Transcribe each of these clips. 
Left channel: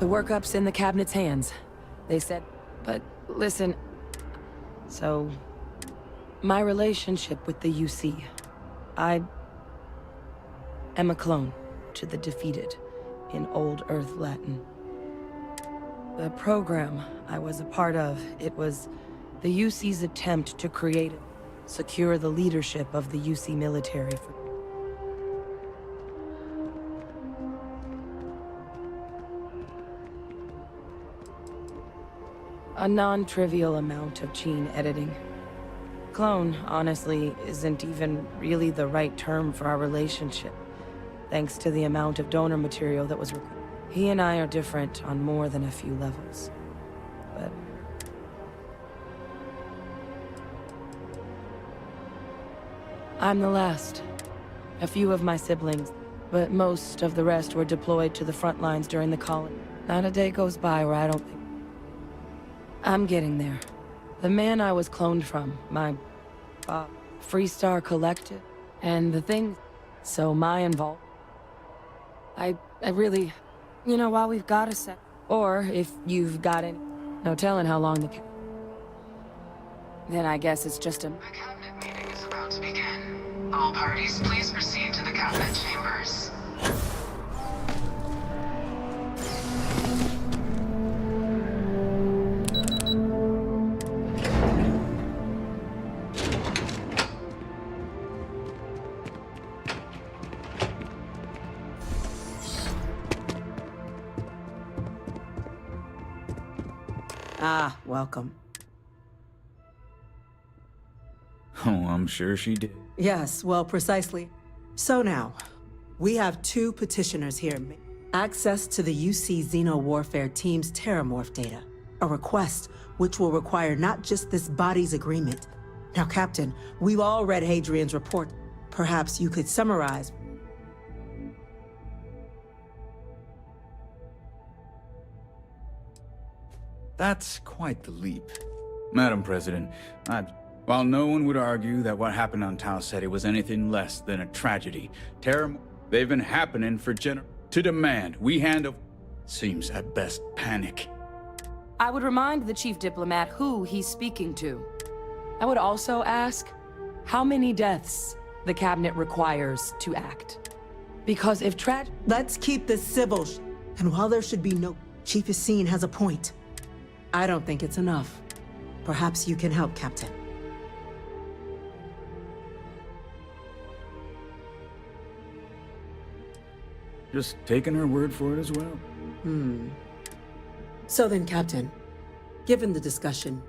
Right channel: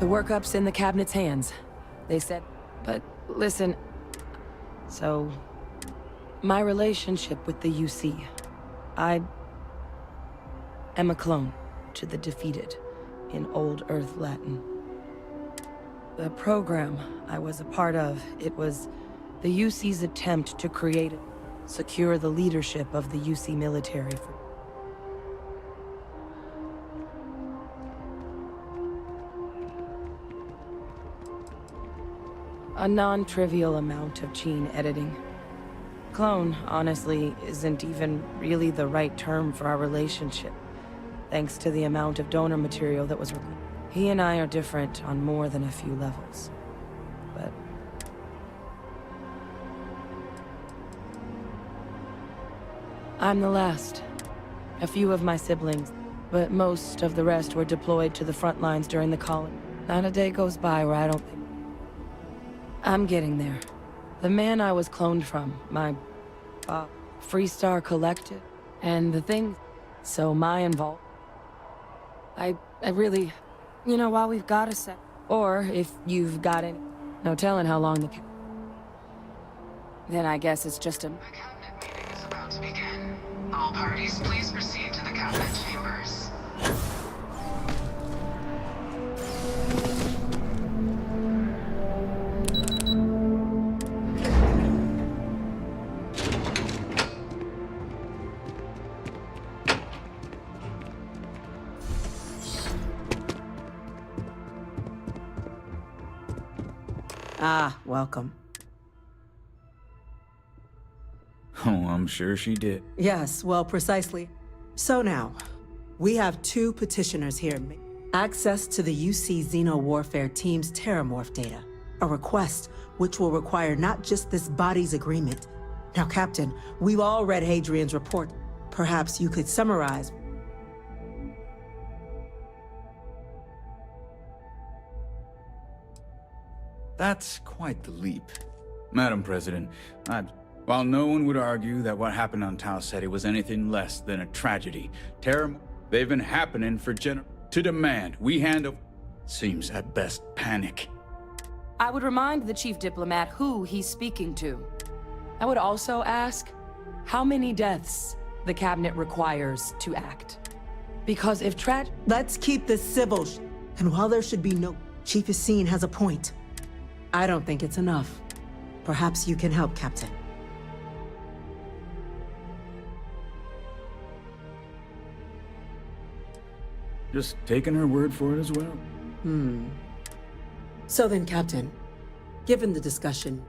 The workup's in the cabinet's hands. They said, but listen... So... My relationship with the UC. I... am a clone to the defeated, in Old Earth Latin. The program I was a part of, it was the UC's attempt to create, secure the leadership of the UC military for... A non-trivial amount of gene editing. Clone, honestly, isn't even really the right term for our relationship, thanks to the amount of donor material that was required. He and I are different on more than a few levels, but... I'm the last. A few of my siblings, but most of the rest were deployed to the front lines during the colony. Not a day goes by where I don't think... I'm getting there. The man I was cloned from, my... Freestar Collective, and the thing... So my involvement... I really... You know, while we've got a sec... Or, if you've got any... No telling how long the... Then I guess it's just a... The cabinet meeting is about to begin. All parties, please proceed to the cabinet chambers. Ah, welcome. Oh, I'm sure she did. Yes, well, precisely. So now, we have two petitioners here. Access to the UC Xeno Warfare Team's Terramorph data. A request which will require not just this body's agreement. Now, Captain, we've all read Hadrian's report. Perhaps you could summarize. That's quite the leap. Madam President, while no one would argue that what happened on Tau Ceti was anything less than a tragedy, they've been happening for to demand we handle... Seems at best panic. I would remind the chief diplomat who he's speaking to. I would also ask how many deaths the cabinet requires to act. Because if Let's keep this civil and while there should be no... Chief Yassine has a point. I don't think it's enough. Perhaps you can help, Captain. Just taking her word for it as well. So then, Captain, given the discussion...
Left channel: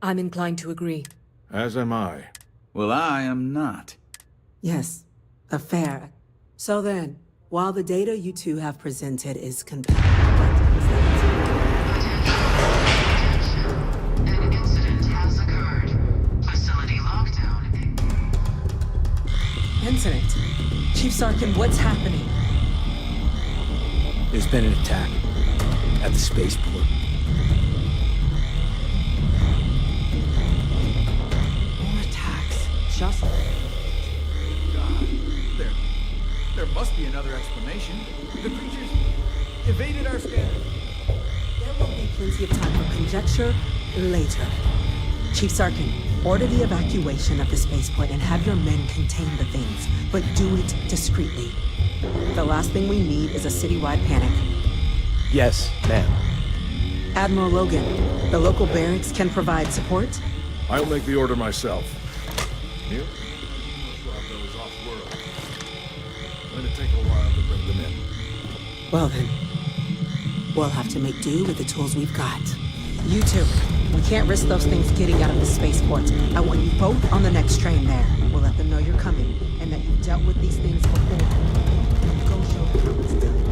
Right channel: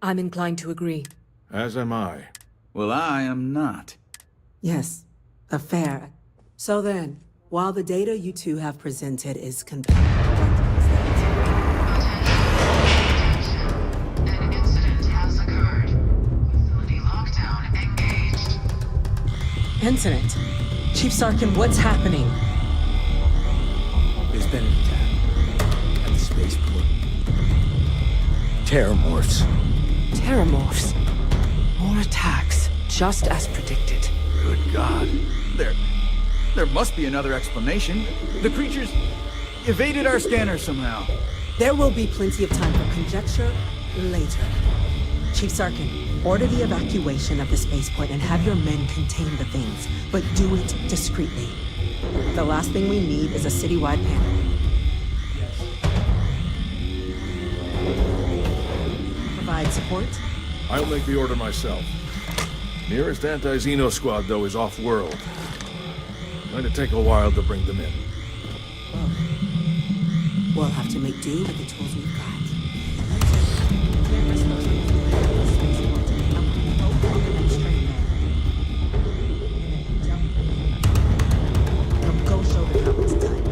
I'm inclined to agree. As am I. Well, I am not. Yes, a fair. So then, while the data you two have presented is what was that? Attention. An incident has occurred. Facility lockdown engaged. Incident? Chief Sarkin, what's happening? There's been an attack at the spaceport. Terramorphs. Terramorphs. More attacks, just as predicted. Good God. There must be another explanation. The creatures evaded our scanner somehow. There will be plenty of time for conjecture later. Chief Sarkin, order the evacuation of the spaceport and have your men contain the things, but do it discreetly. The last thing we need is a citywide panic. Yes, ma'am. Admiral Logan, the local barracks can provide support? I'll make the order myself. Nearest anti-Xeno squad, though, is off-world. Going to take a while to bring them in. Well then, we'll have to make do with the tools we've got. You two, we can't risk those things getting out of the spaceport. I want you both on the next train there. We'll let them know you're coming, and that you've dealt with these things before. Now go show them how it's done.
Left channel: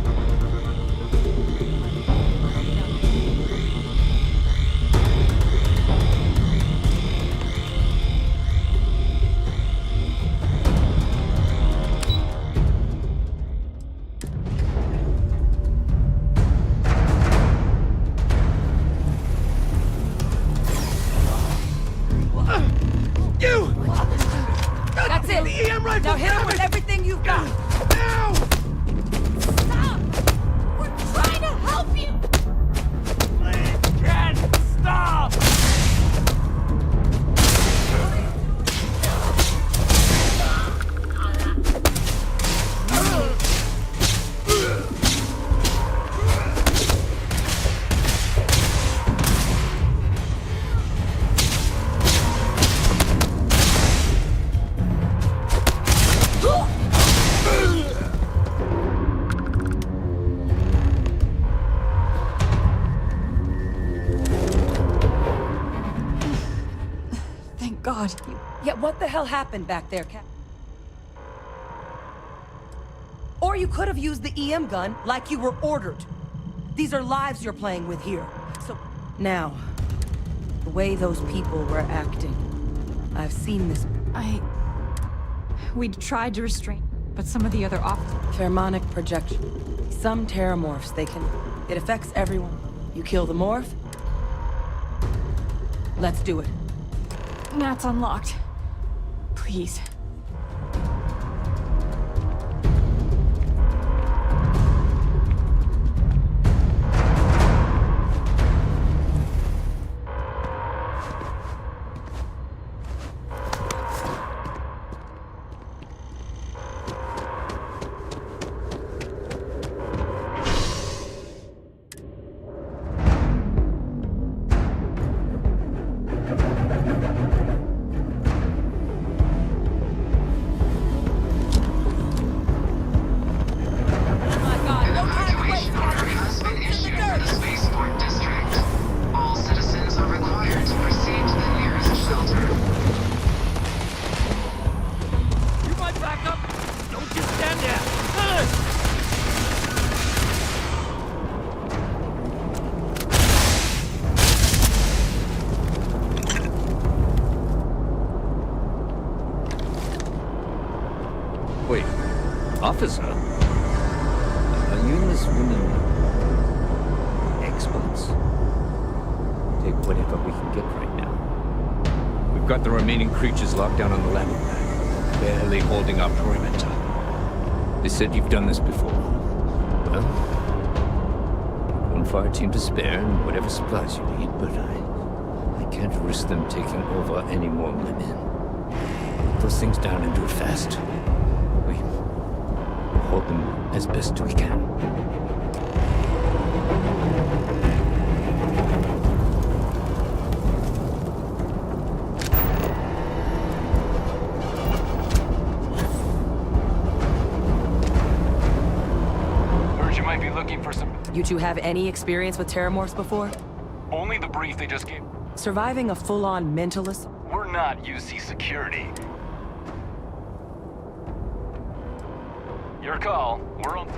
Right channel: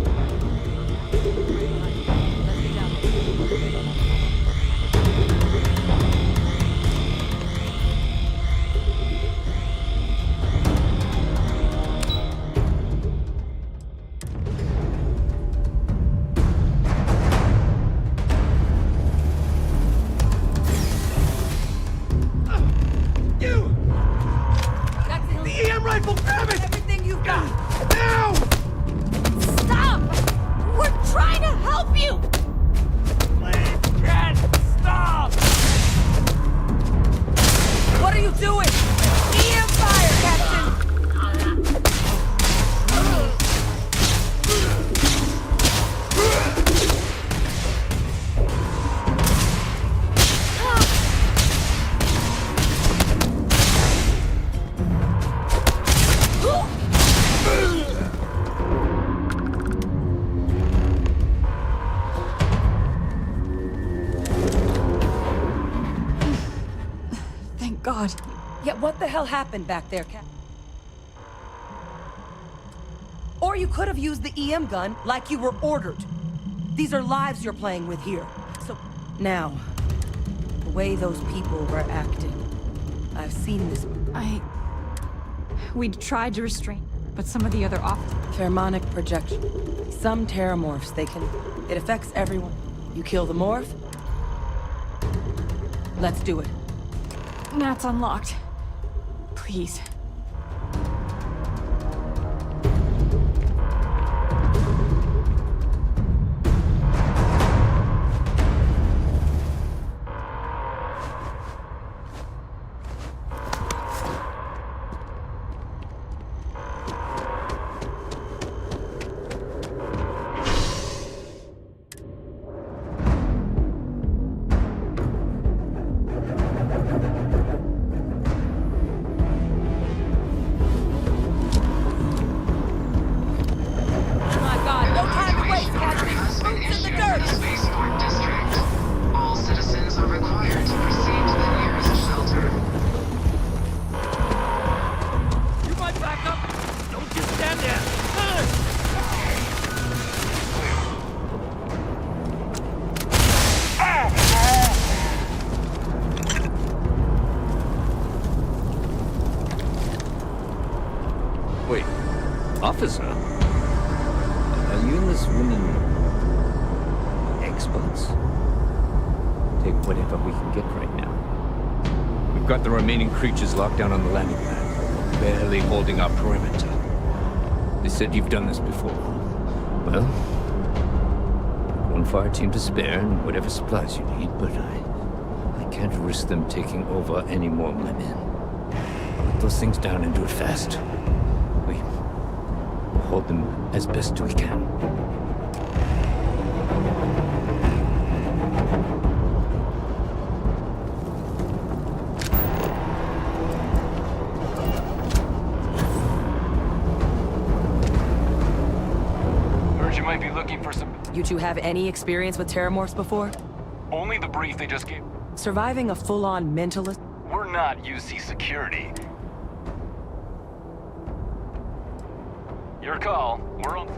Now hit him with everything you've got! Now! Stop! We're trying to help you! Please can't stop! What are you doing? EM fire, Captain! Thank God. Yeah, what the hell happened back there, Cap? Or you could have used the EM gun like you were ordered. These are lives you're playing with here. So, now, the way those people were acting, I've seen this. We tried to restrain, but some of the other Pheromonic projection. Some terramorphs, it affects everyone. You kill the morph, let's do it. Nat's unlocked. Please. My God, no time to waste, Order Captain! has been Boots in issued the for dirt! the spaceport district. All citizens are required to proceed to the nearest shelter. You might back up. Don't just stand there. Wait, officer? Are you and this woman experts? Take whatever we can get right now. We've got the remaining creatures locked down on the landing pad, barely holding our perimeter. They said you've done this before. Well, one fire team to spare and whatever supplies you need, but I can't risk them taking over any more of my men. Put those things down and do it fast. We'll hold them as best we can. Heard you might be looking for some... You two have any experience with terramorphs before? Only the brief they just gave. Surviving a full-on mentalist? We're not UC security. Your call. We're on...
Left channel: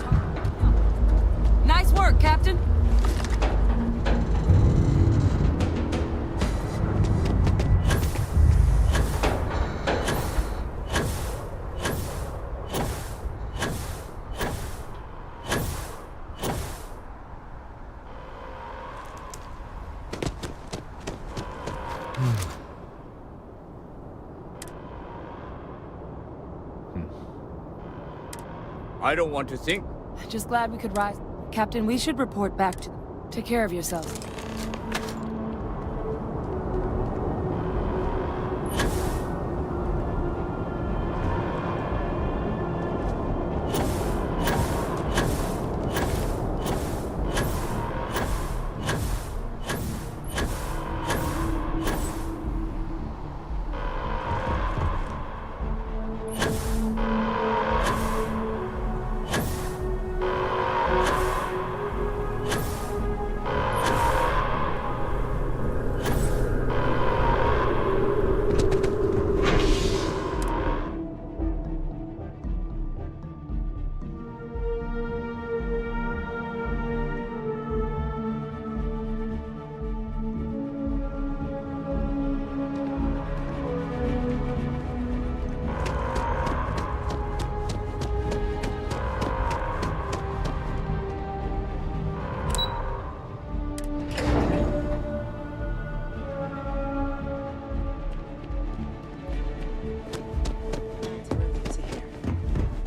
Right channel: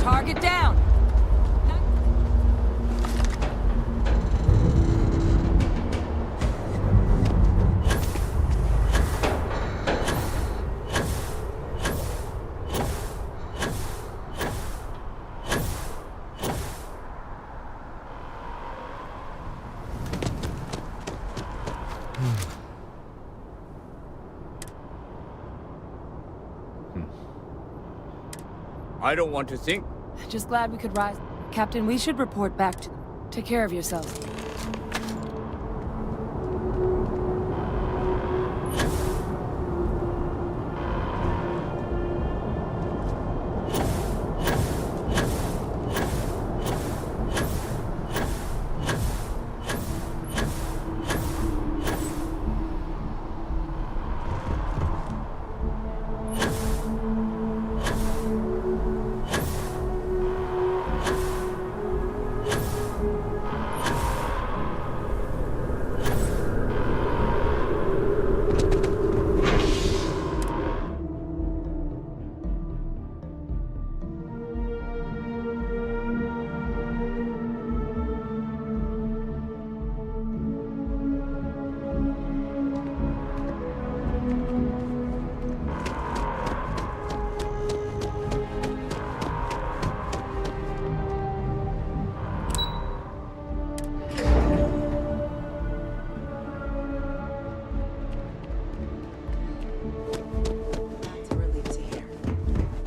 Target down! Nice work, Captain! I don't want to think. Just glad we could rise. Captain, we should report back to them. Take care of yourself.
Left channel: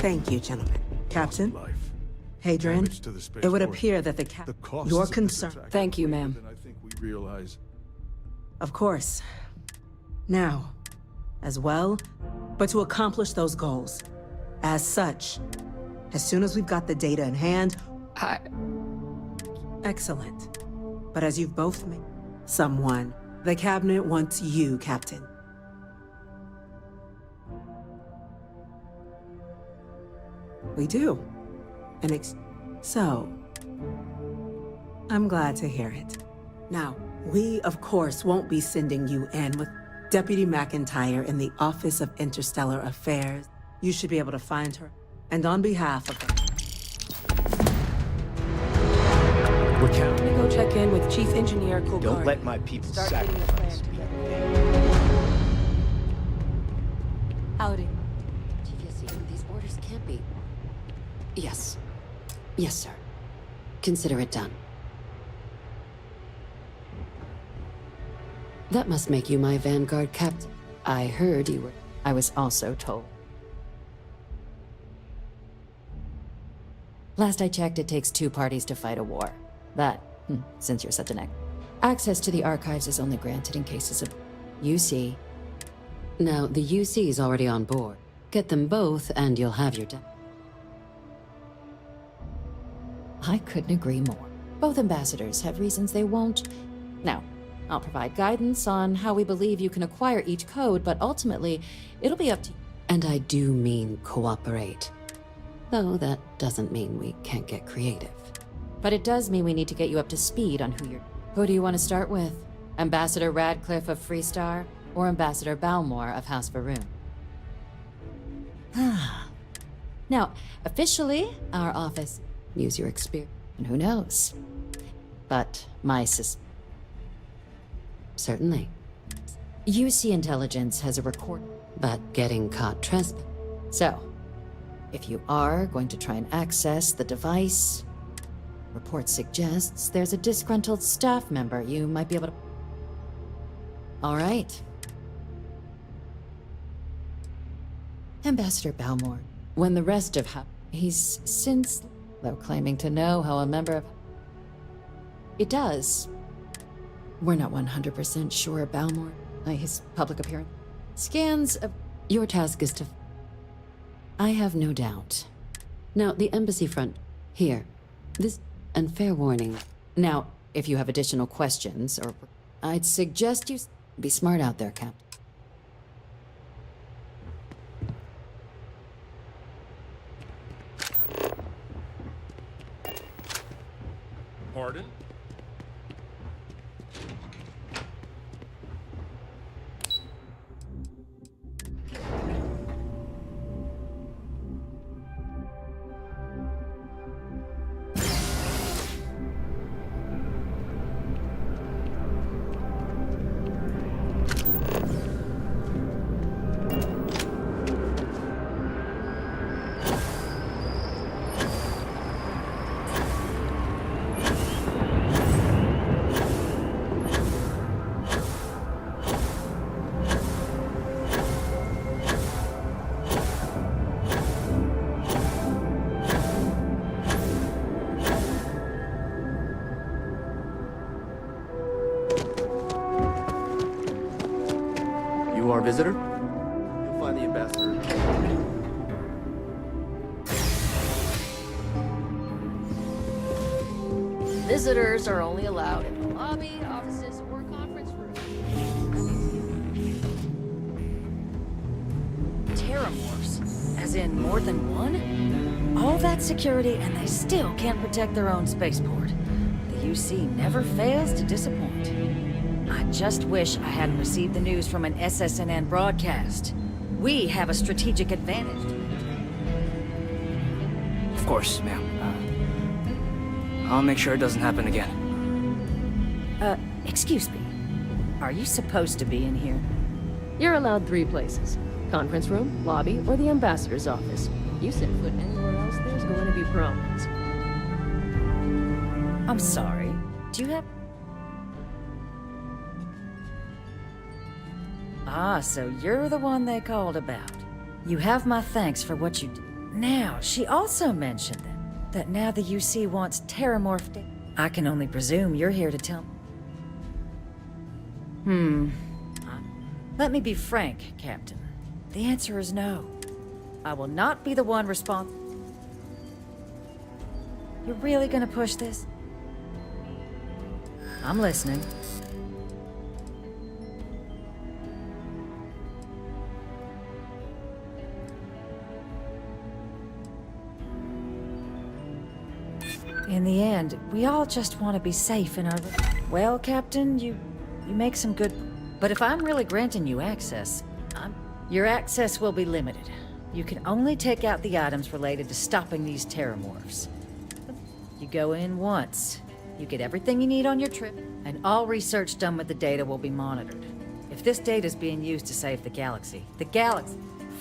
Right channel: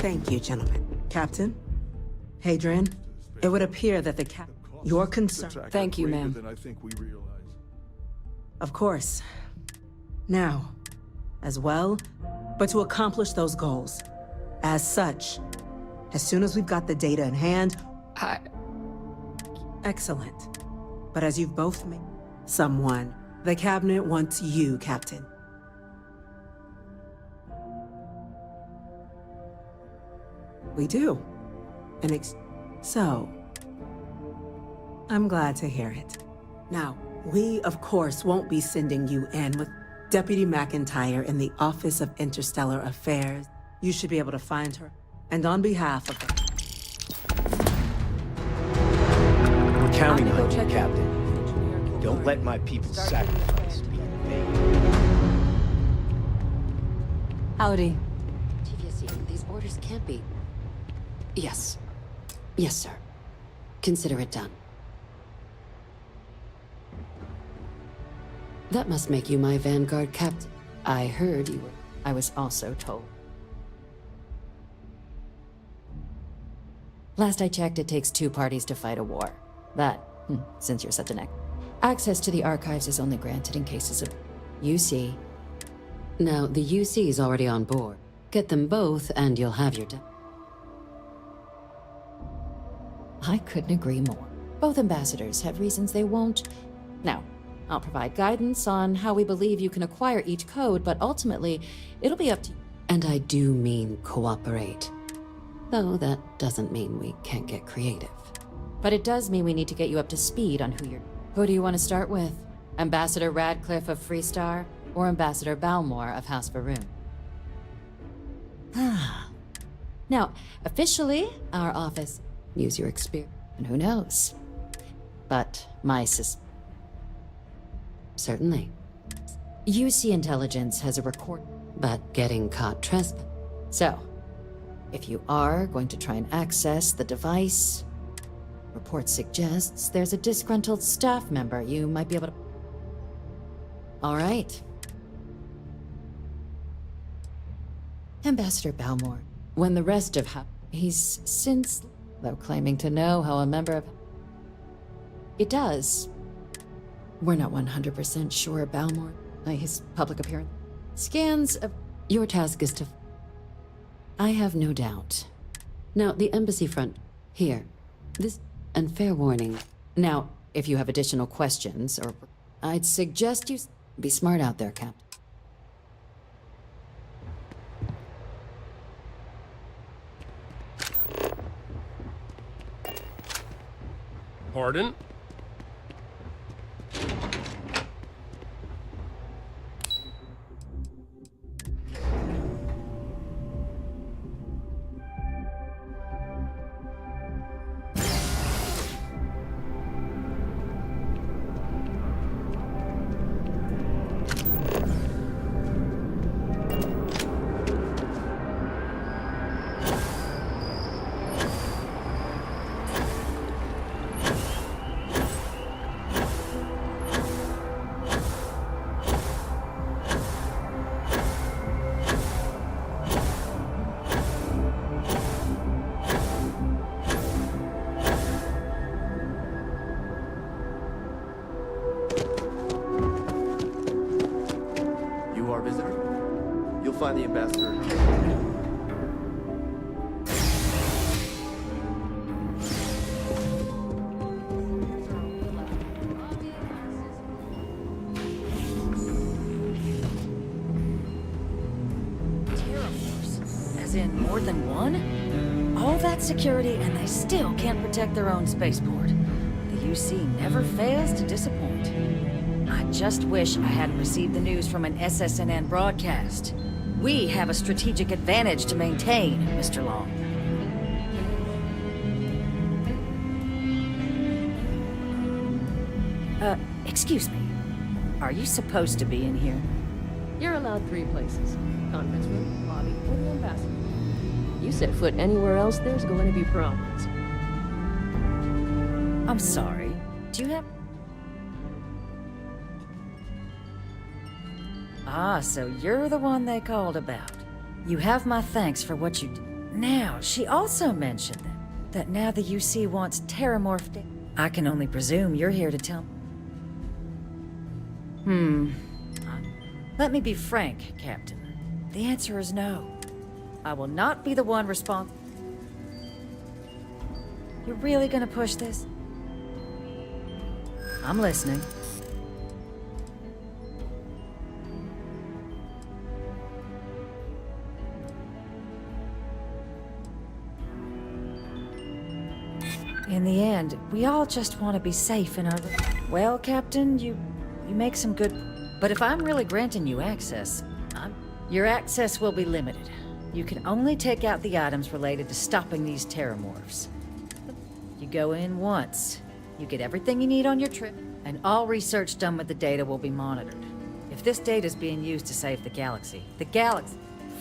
Thank you, gentlemen. Captain? Life. Hadrian, Thanks to the Space it would Force. appear that The costs your of this concern... attack Thank are you, greater ma'am. than I think we realize. Of course. Now, as well, but to accomplish those goals. As such, as soon as we've got the data in hand... Excellent. But as you've both made someone, the Cabinet wants you, Captain. We do. So, I'm glad to hear it. Now, we, of course, won't be sending you in with Deputy McIntyre in the Office of Interstellar Affairs. You should be able to find her. And on behalf of the... We're I'm counting gonna go on you, check in Captain. with Chief Engineer Kulgari. Don't let my people's Start getting a sacrifice plan be in together. vain. Howdy. TVSC, these orders can't be... Yes. Yes, sir. Consider it done. That must make you my Vanguard captain. I heard you were... I was also told. Last I checked, it takes 2 parties to fight a war. That, since you're such an access to the archives is only granted in cases of UC. Now, the UC is already on board. Get them both, and you'll have your I couldn't agree more. Both ambassadors have reasons they won't. Now, I'll provide guidance on how we believe you can acquire each code, but ultimately, it'll be up to you. And I do mean cooperate. Though that doesn't mean we can't get creative. But it does mean we need to get you up to speed on Who do you want to start with? Ambassador Radcliffe of Freestar, or Ambassador Balmore of House Varun? Now, officially, our office... Use your experience, and who knows? But my Certainly. UC Intelligence has a record, but getting caught trespass. So, if you are going to try and access the device, report suggests there's a disgruntled staff member you might be able to... All right. Ambassador Balmore, when the rest of he's since... though claiming to know how a member of... It does. We're not 100% sure Balmore, his public appearance. Scans of... Your task is to... I have no doubt. Now, the embassy front. Here. This... And fair warning. Now, if you have additional questions, or... I'd suggest you... Be smart out there, Captain. Pardon? You our visitor? You'll find the ambassador. Visitors are only allowed in the lobby, offices, or conference rooms. Terramorphs? As in more than one? All that security and they still can't protect their own spaceport. The UC never fails to disappoint. I just wish I hadn't received the news from an SSNN broadcast. We have a strategic advantage to maintain, Mr. Long. Of course, ma'am. I'll make sure it doesn't happen again. Excuse me. Are you supposed to be in here? You're allowed 3 places. Conference room, lobby, or the ambassador's office. You set foot anywhere else, there's going to be problems. I'm sorry. Do you have... Ah, so you're the one they called about. You have my thanks for what you did. Now, she also mentioned that now the UC wants terramorphed data. I can only presume you're here to tell me. Let me be frank, Captain. The answer is no. I will not be the one responsible. You're really gonna push this? I'm listening. In the end, we all just want to be safe in our... Well, Captain, you make some good... But if I'm really granting you access, your access will be limited. You can only take out the items related to stopping these terramorphs. You go in once, you get everything you need on your trip, and all research done with the data will be monitored. If this data is being used to save the galaxy,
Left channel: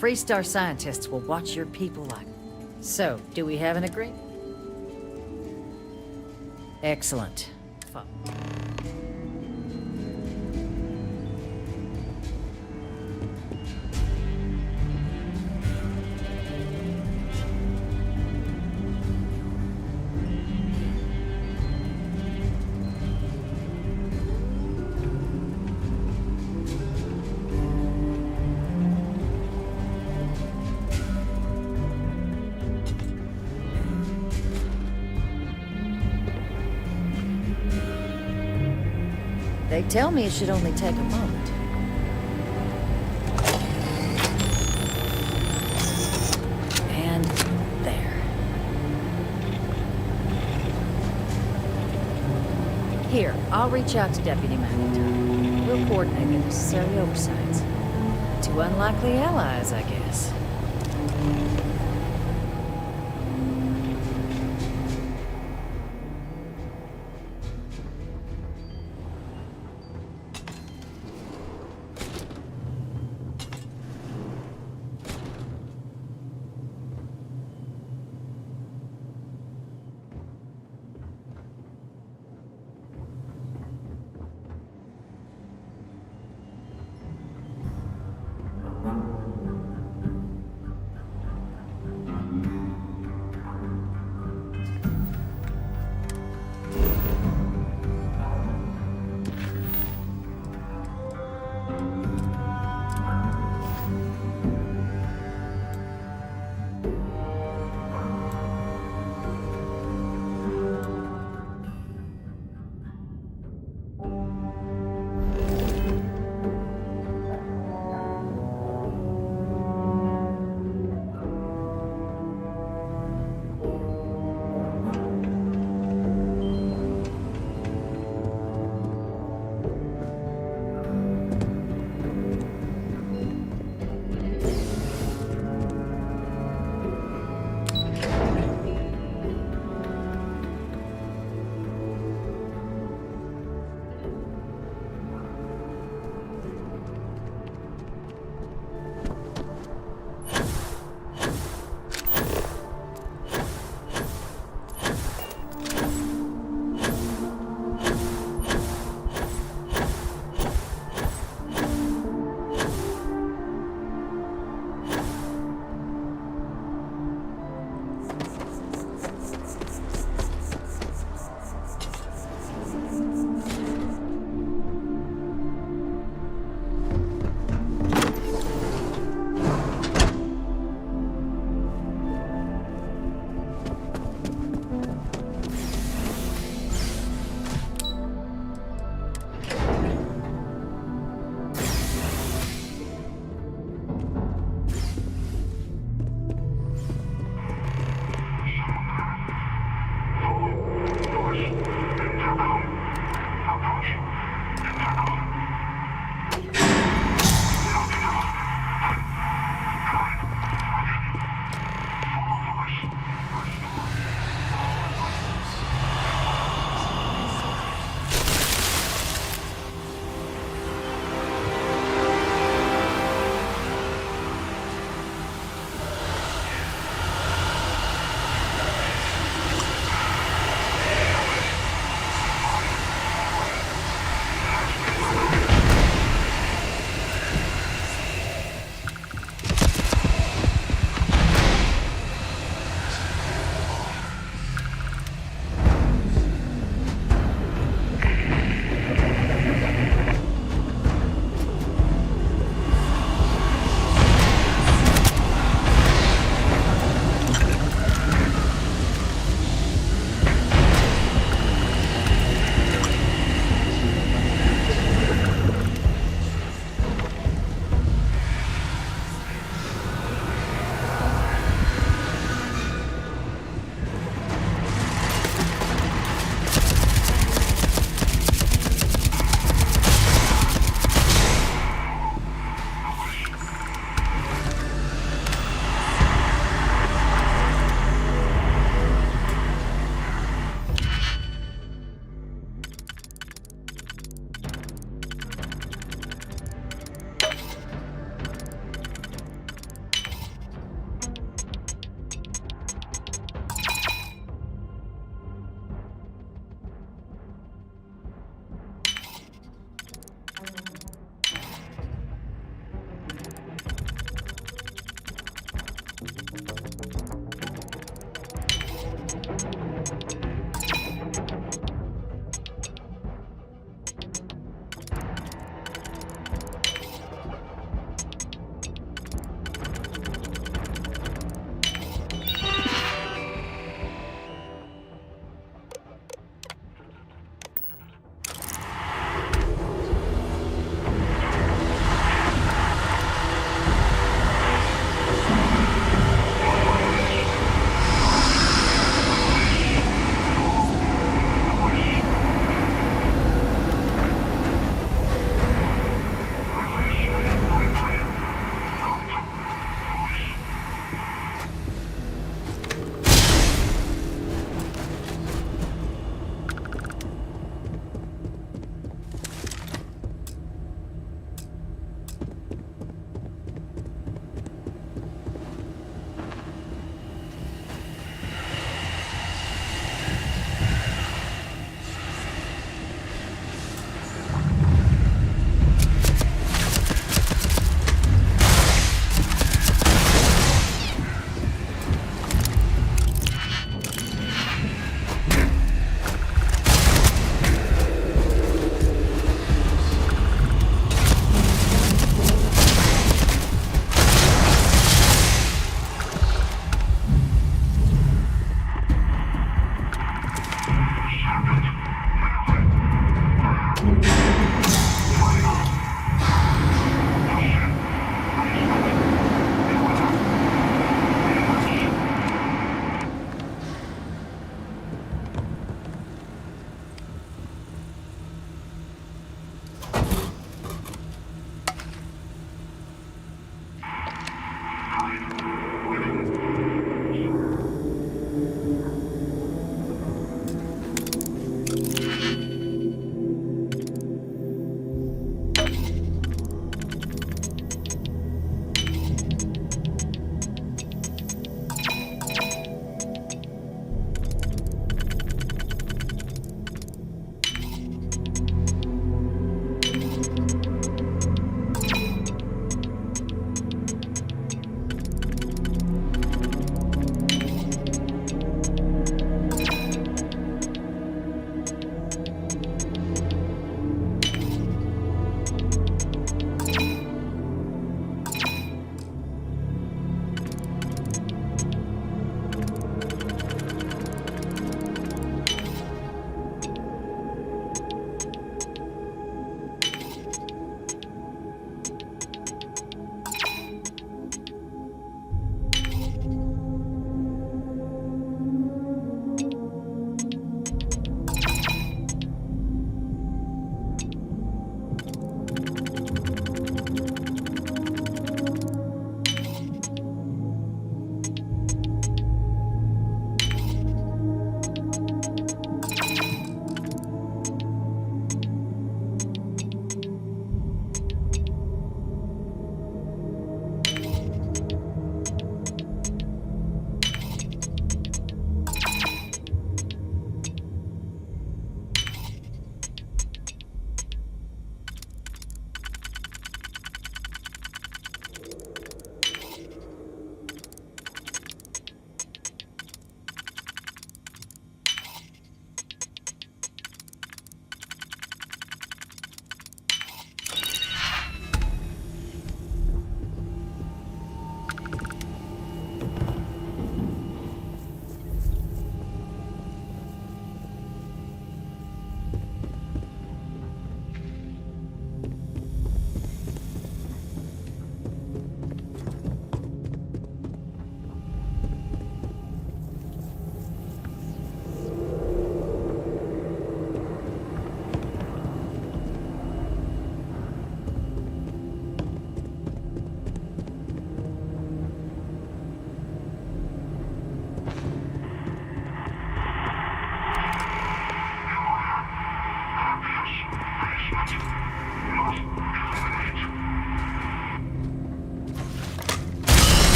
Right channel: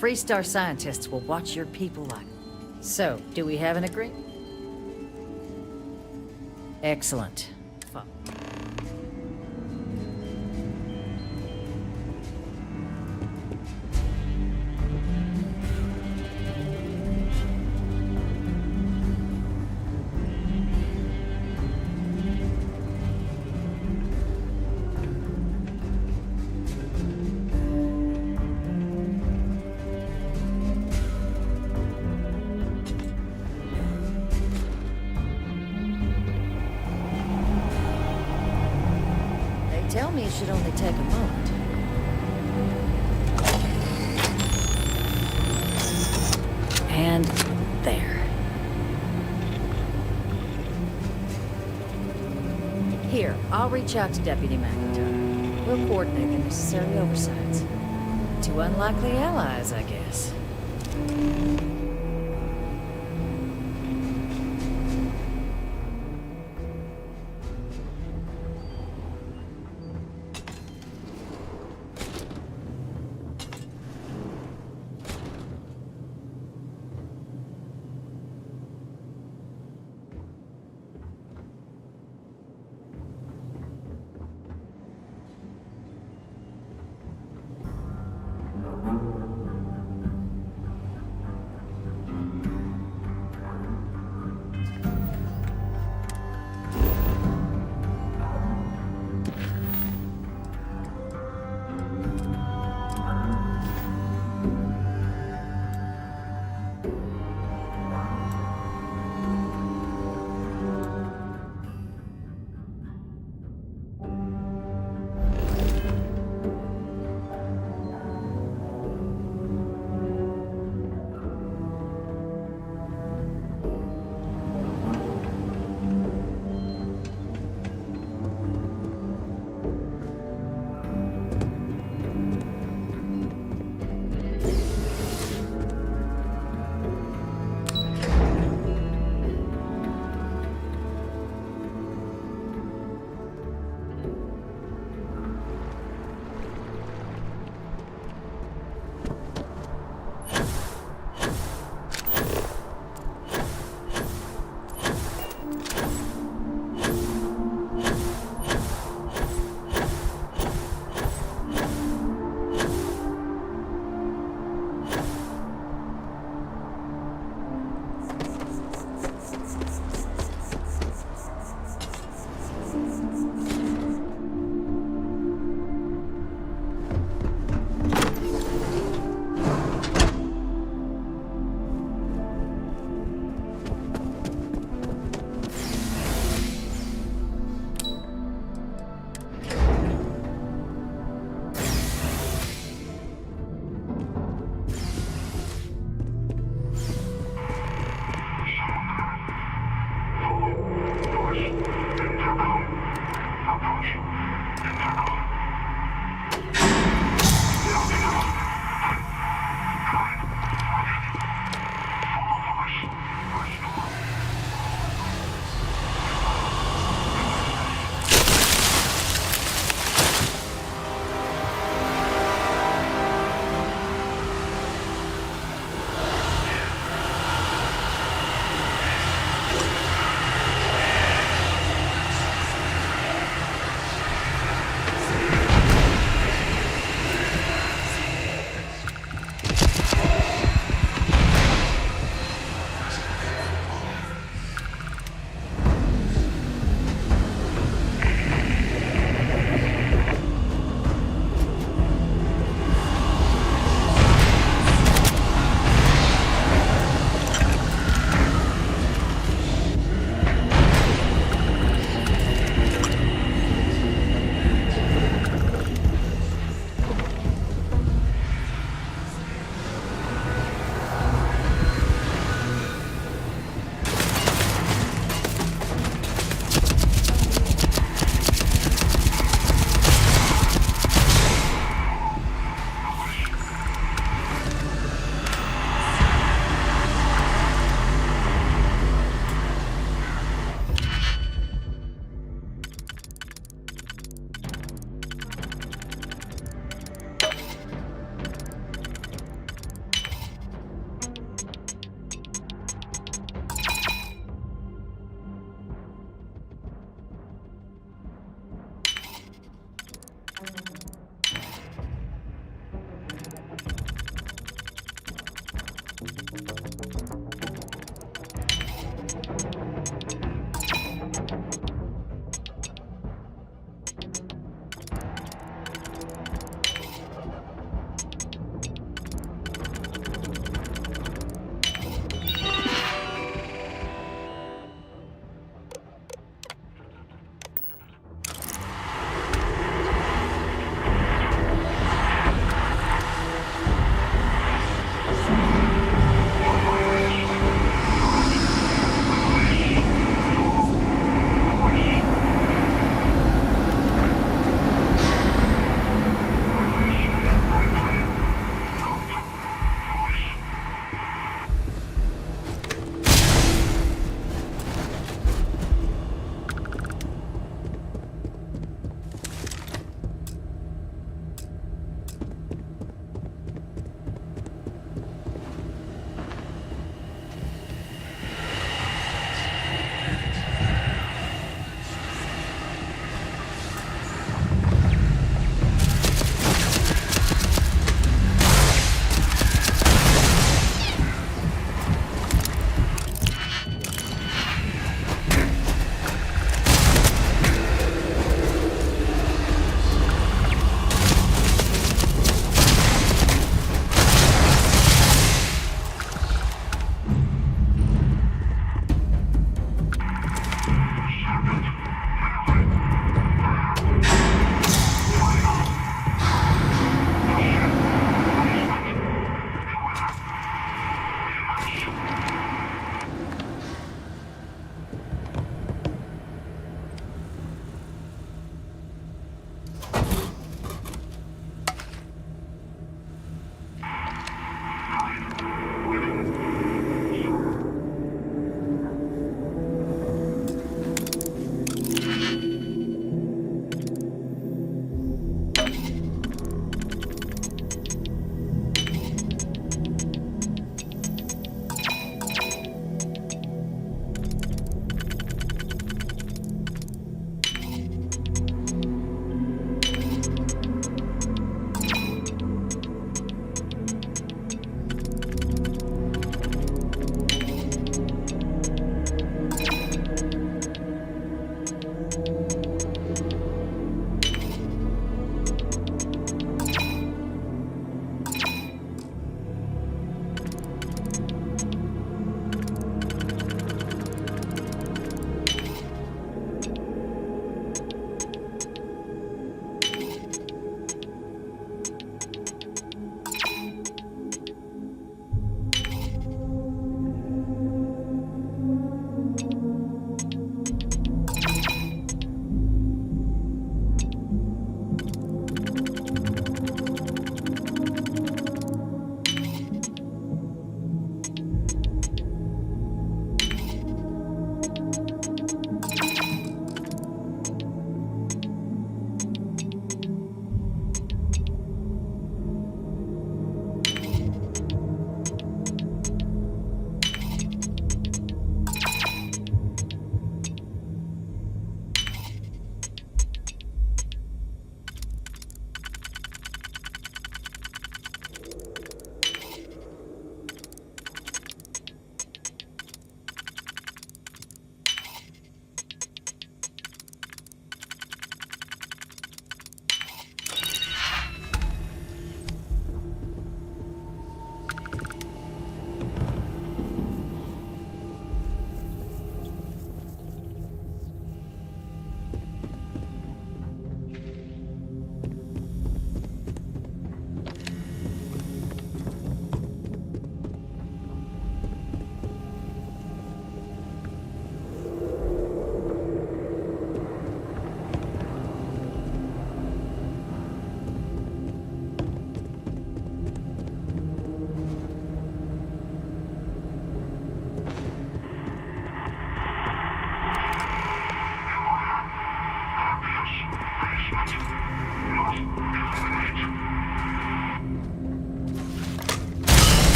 Freestar scientists will watch your people like it. So, do we have an agreement? Excellent. They tell me it should only take a moment. And there. Here, I'll reach out to Deputy McIntyre. We'll coordinate the necessary oversights. Two unlikely allies, I guess.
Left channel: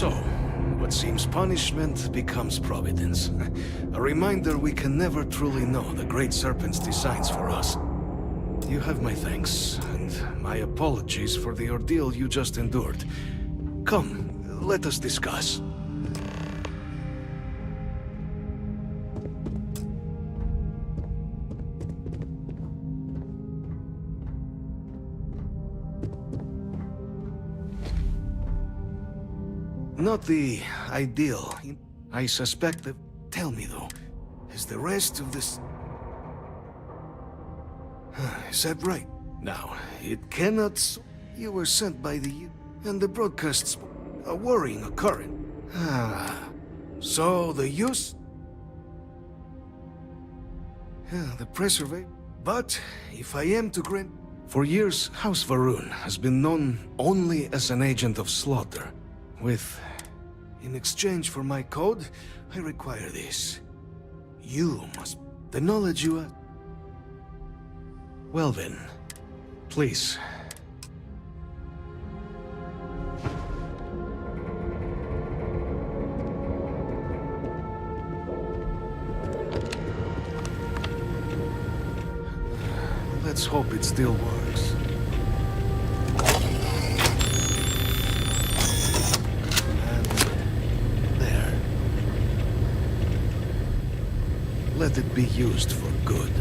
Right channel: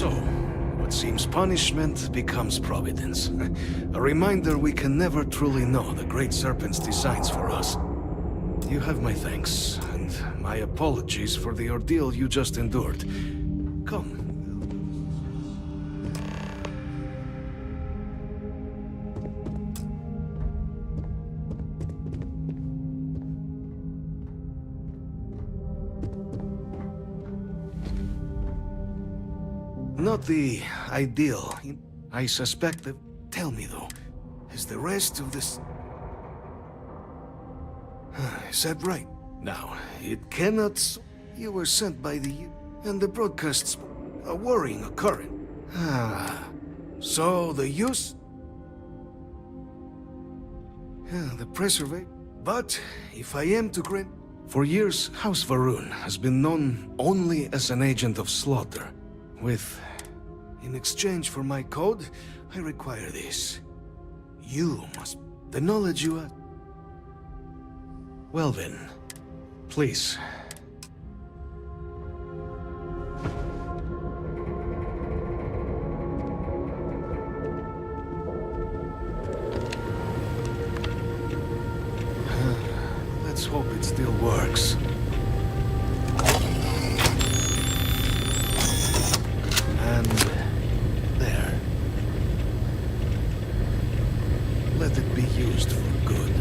So, what seems punishment becomes providence. A reminder we can never truly know the Great Serpent's designs for us. You have my thanks, and my apologies for the ordeal you just endured. Come, let us discuss. Not the ideal. I suspect that... Tell me, though, is the rest of this... Is that right? Now, it cannot... You were sent by the... And the broadcasts... A worrying occurrence. So the use... The preservation... But, if I am to grant... For years, House Varun has been known only as an agent of slaughter. In exchange for my code, I require this. You must... The knowledge you have... Well then, please. Let's hope it still works. Let it be used for good.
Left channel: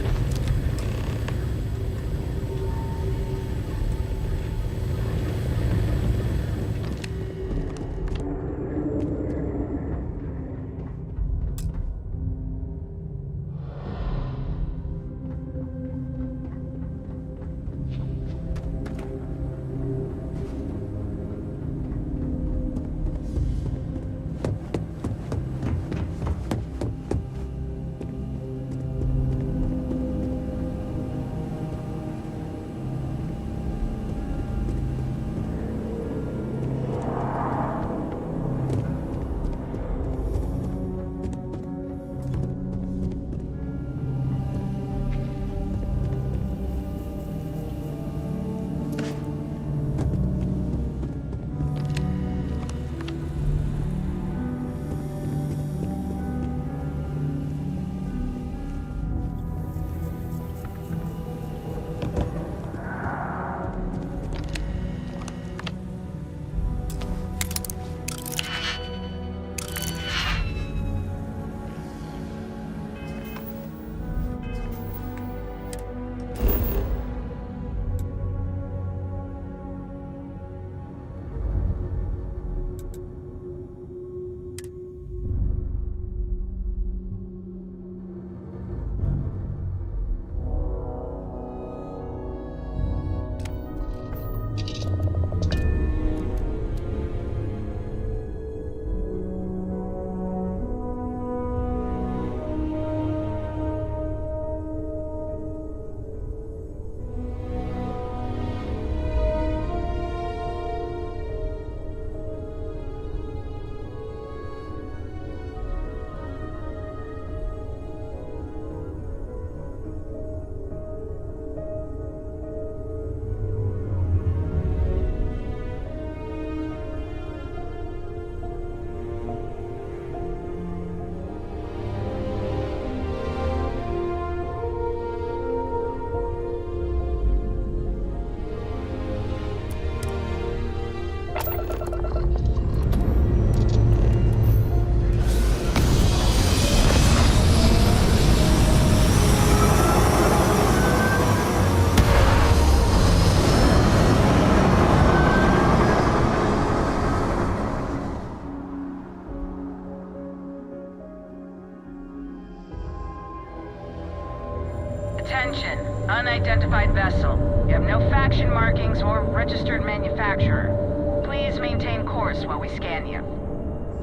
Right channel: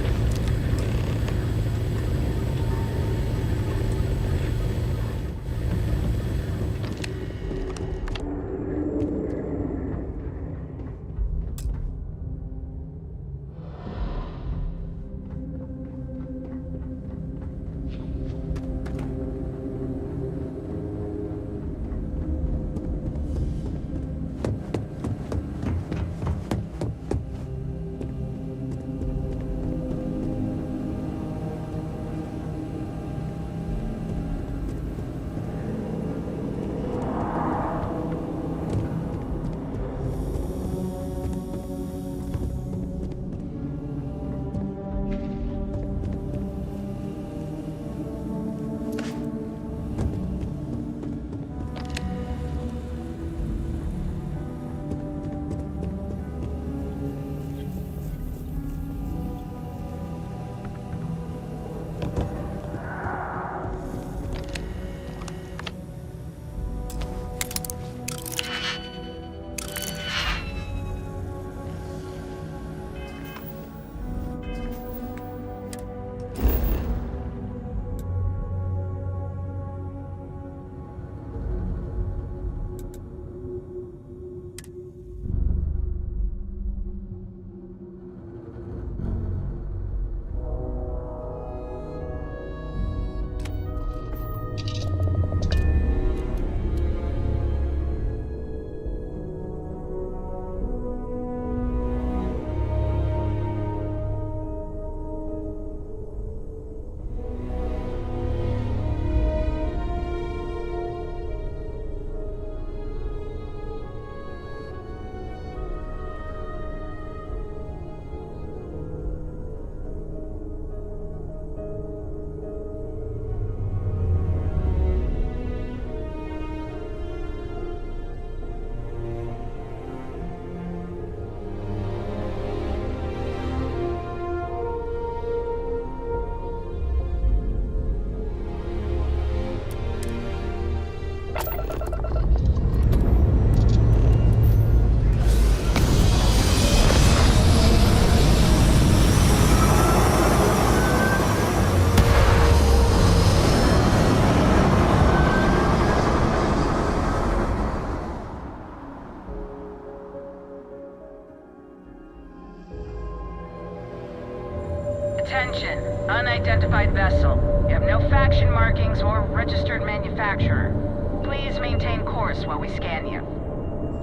registered manufacturer. Please maintain course while we scan you.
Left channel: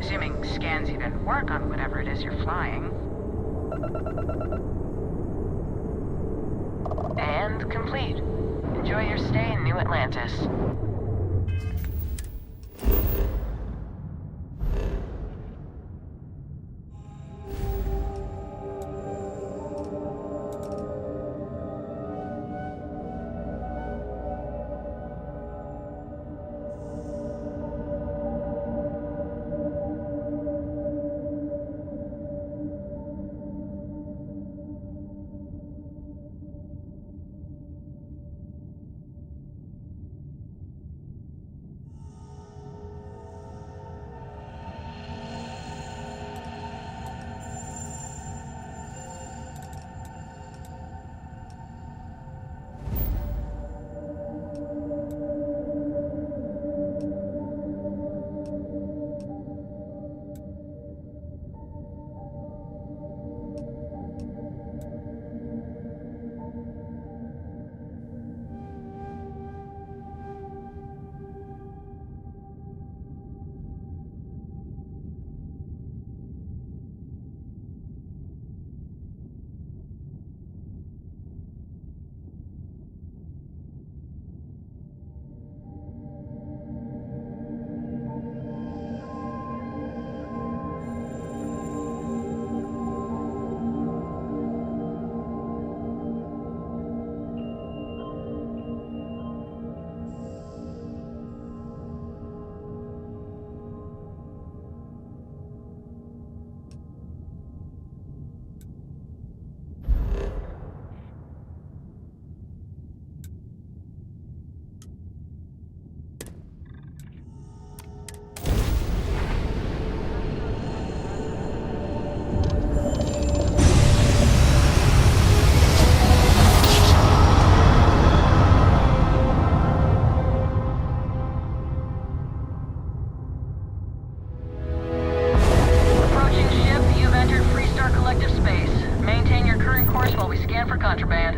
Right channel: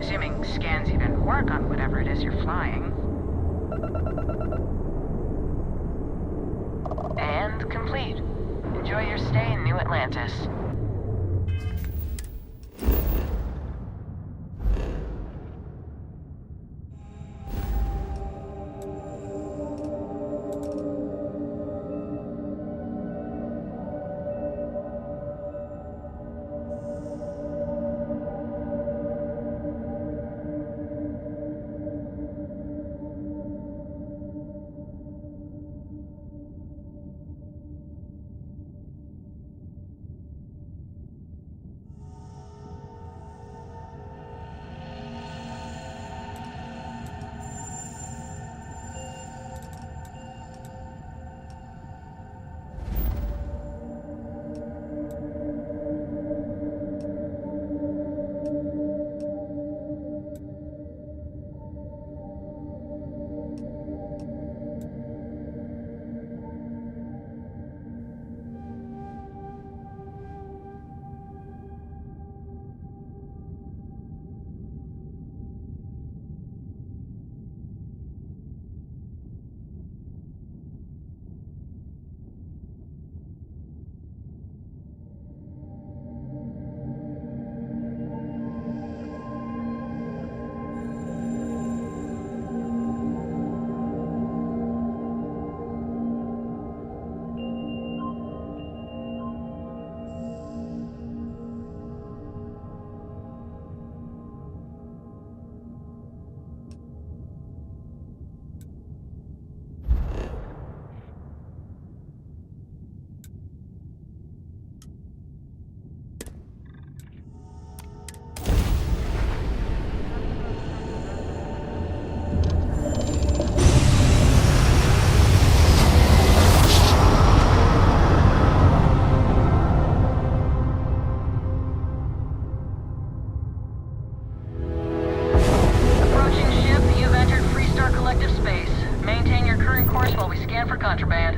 Assuming scans even work on whatever it is you're flying. And complete. Enjoy your stay in New Atlantis. Contraband.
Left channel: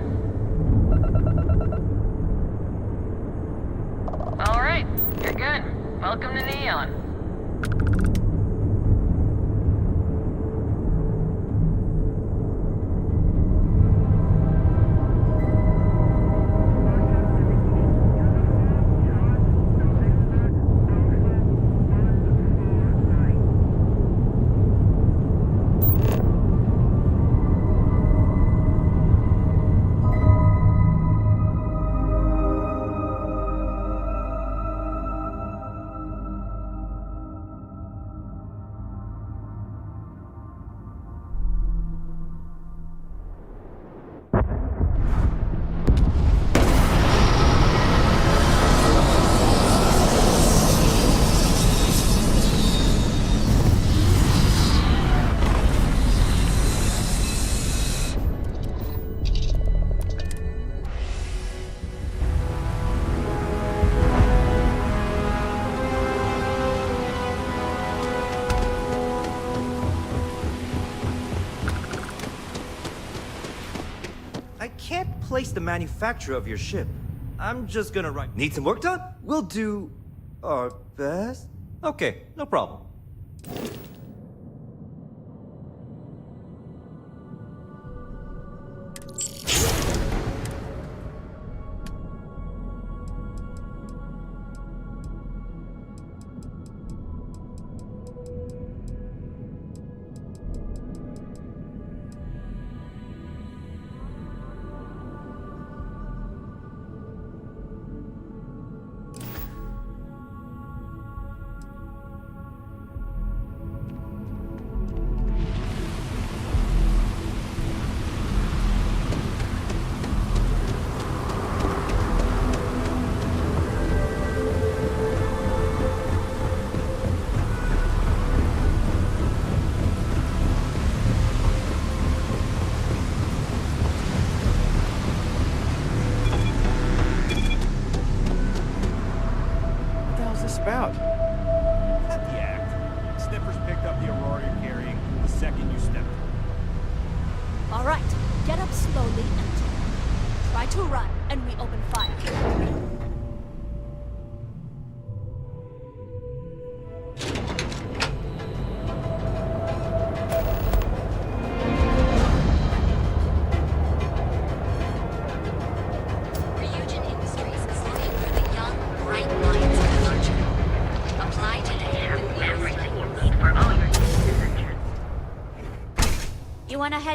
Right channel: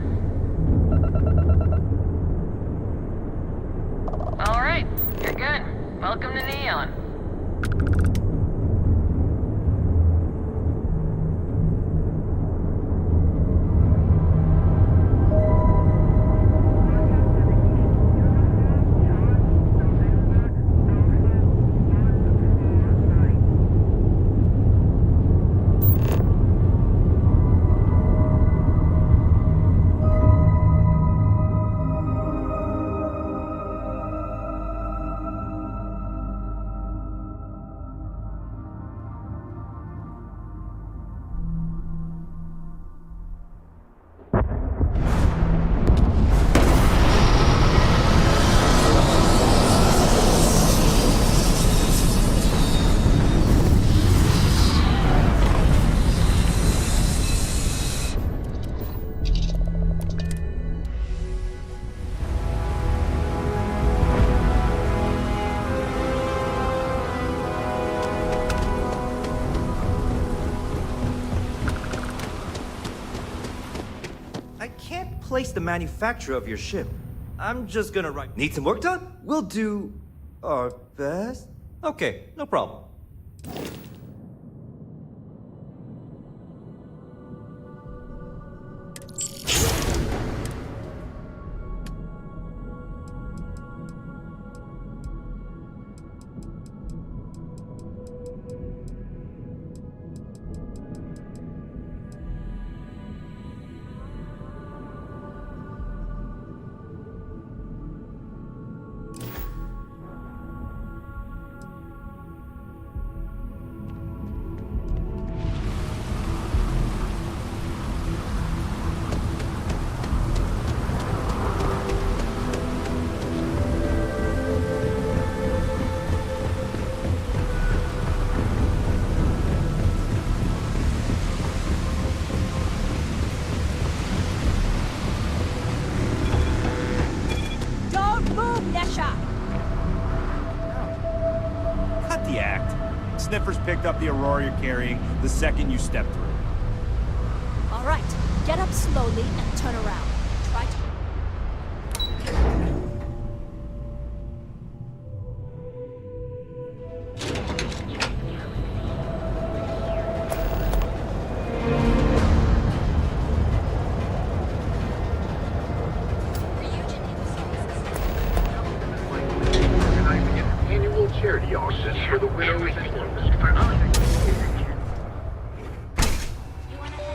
All right, you're good. Welcome to Neon. Place the manufacturer of your ship. I'm just gonna write. Need some work done? We'll do our best. Okay, no problem. Sniffers picked up the Aurora you're carrying the second you stepped through. All right, get up slowly and turn around. Try to run, and we open fire.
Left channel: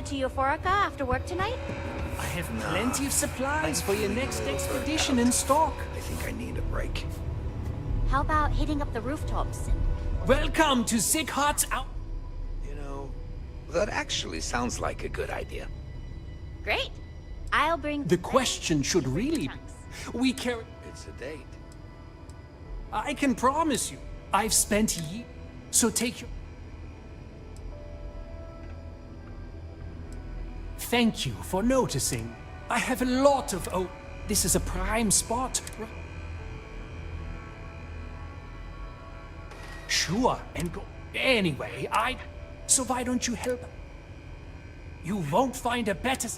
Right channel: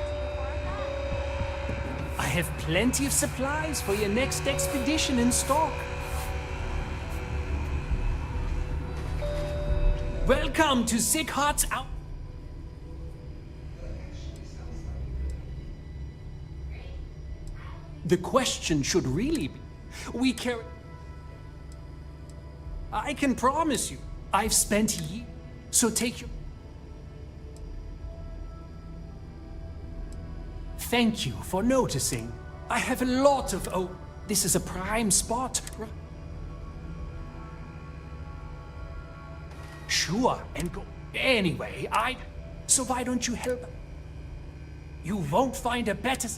head to Euphoria after work tonight? I have plenty of supplies for your next expedition in stock. How about hitting up the rooftops? Welcome to Sick Hot's out. That actually sounds like a good idea. Great. I'll bring... The question should really be, we carry... It's a date. I can promise you, I've spent years, so take your... Thank you for noticing. I have a lot of... Oh, this is a prime spot. Sure, and go... Anyway, So why don't you help? You won't find a better...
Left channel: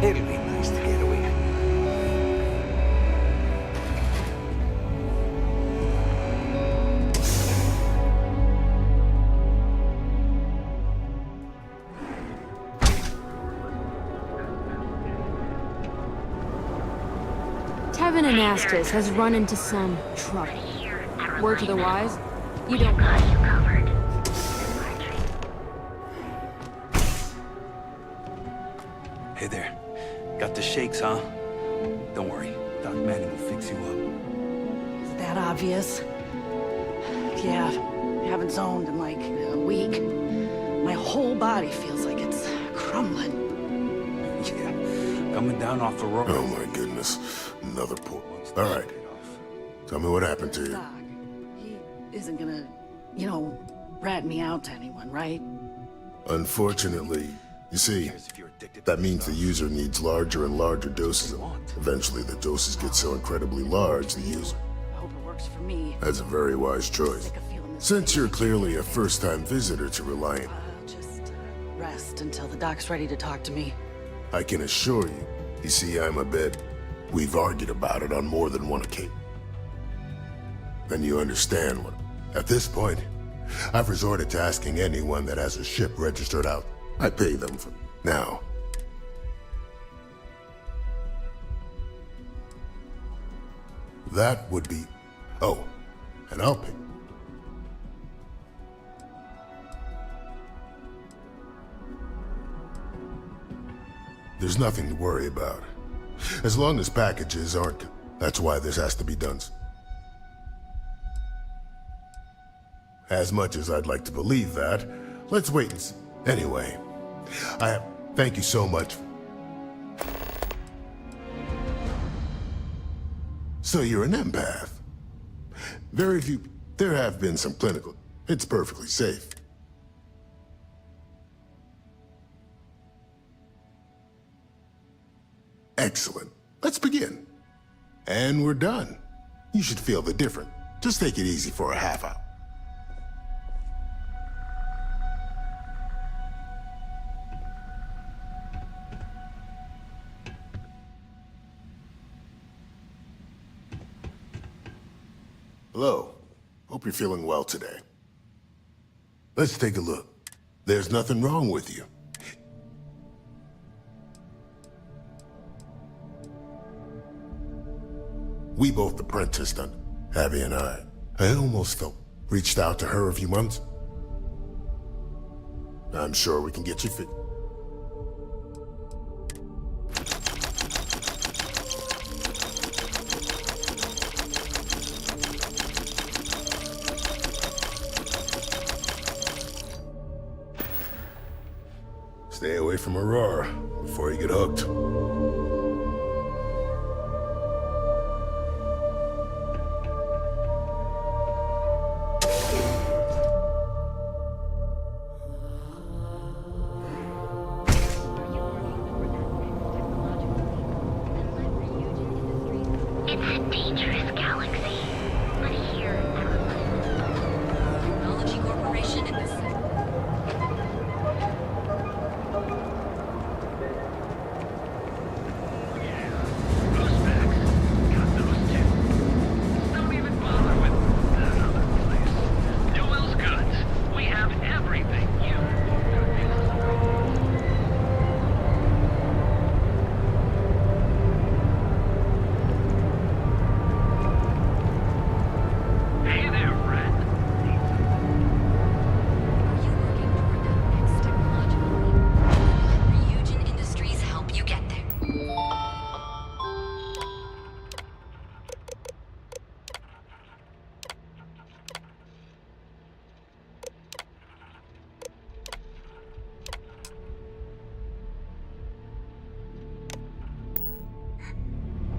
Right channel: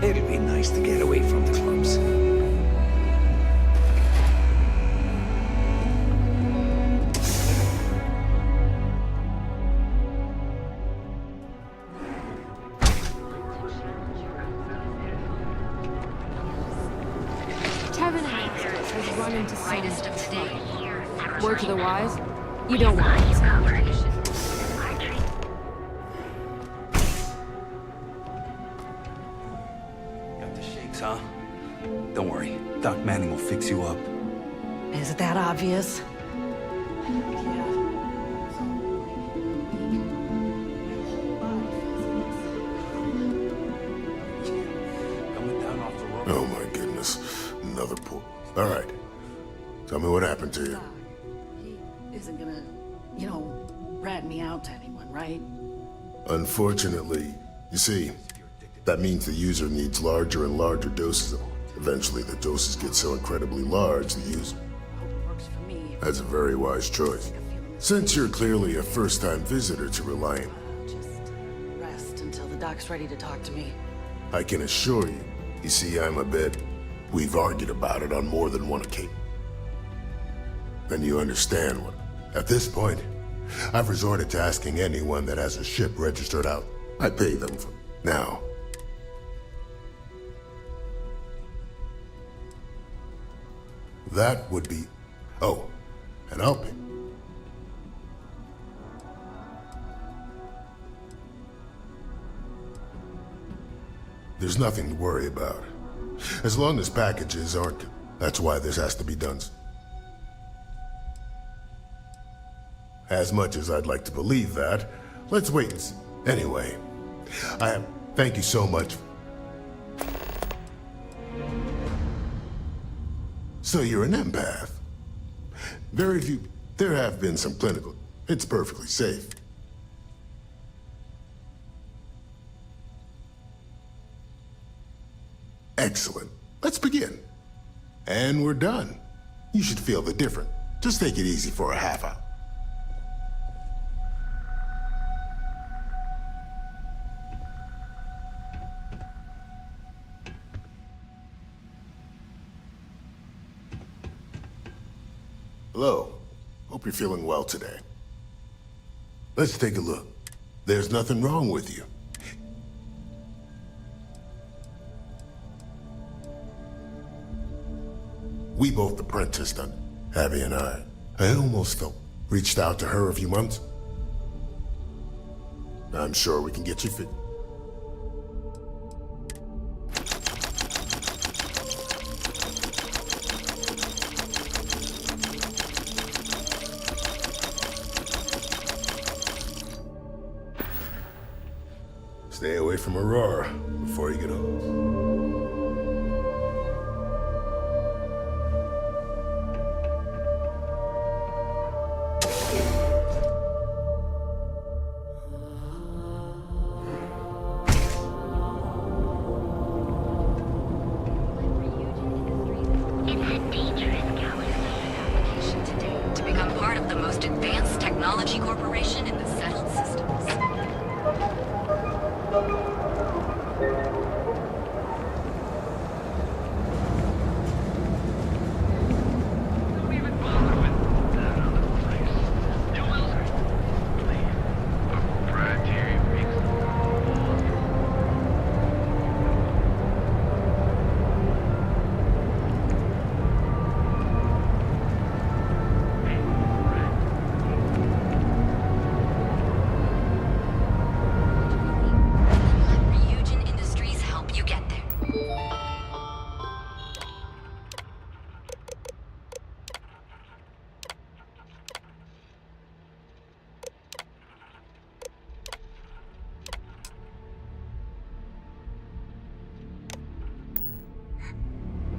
It'll be nice to get away from the clubs. Tevin Anastas has run into some trouble. Word to the wise, you don't want it. Hey there. Got the shakes, huh? Don't worry. Doc Manning will fix you up. Is it that obvious? Yeah, I haven't zoned in like a week. My whole body feels like it's crumbling. Yeah, coming down off the road. Oh my goodness. Another poor... All right. Tell me what happened to you. Doc, he isn't gonna, rat me out to anyone, right? Unfortunately, you see, that means the user needs larger and larger doses of... Eventually, the doses get so incredibly large, the user... I hope it works for me. That's a very wise choice. Since you're clearly a first-time visitor to Reliant, I'll just rest until the doc's ready to talk to me. I can assure you, you see, I'm a bit... We've argued about it on more than one occasion. Then you understand what... At this point, I've resorted to asking anyone that has a ship registered out. I pay them for... Now... That would be... Oh, and I'll pay. There's nothing to worry about. As long as packages aren't... That's why this has to be done. As much as I'd like to believe that, let's wait and see. Anyway, thank you so much. So you're an empath. Very few... There have been some clinical... It's perfectly safe. Excellent. Let's begin. And we're done. You should feel the difference. Just take it easy for a half hour. Hello. Hope you're feeling well today. Let's take a look. There's nothing wrong with you. We both apprenticed under Abby and I. I almost felt reached out to her a few months. I'm sure we can get you fit. Stay away from Aurora before you get hooked.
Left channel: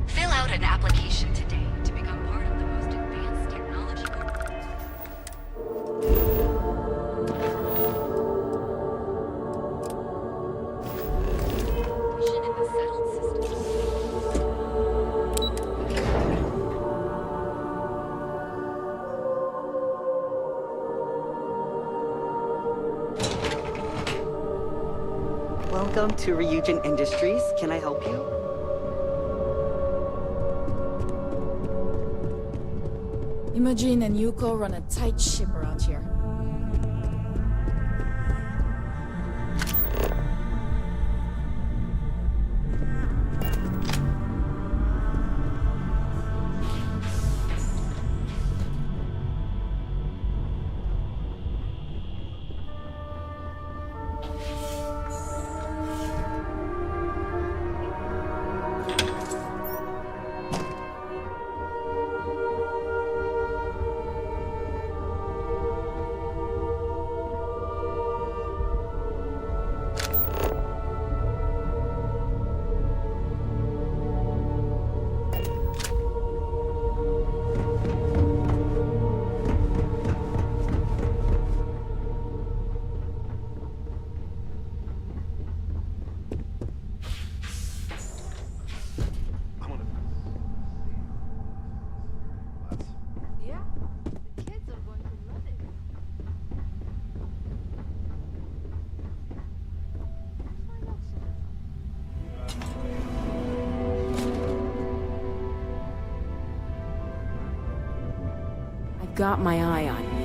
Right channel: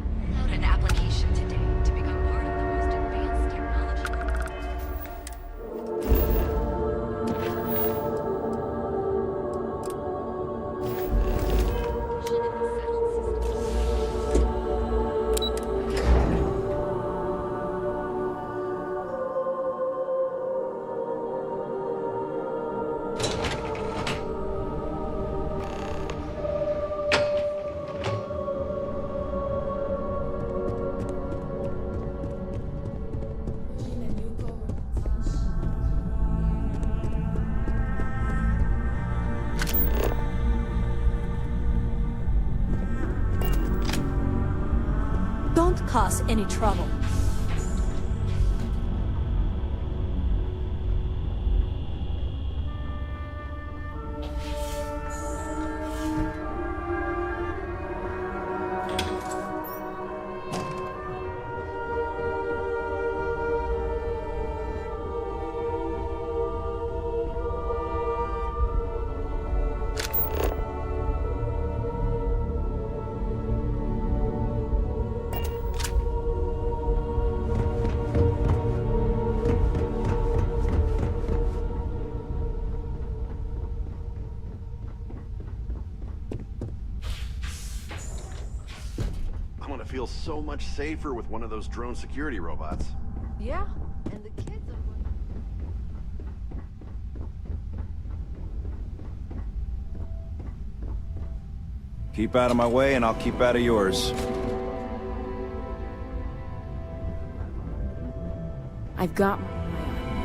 Fill out an application today to become part of the most advanced technology group. In the settled Welcome to Ryujin Industries. Can I help you? Imogen and Yuko run a tight ship around here. Don't cause any trouble. Feel so much safer with one of those drone security robots. Yeah, and the kids are going to love it. Keep out of my way and I'll keep out of yours. I've got my eye on you.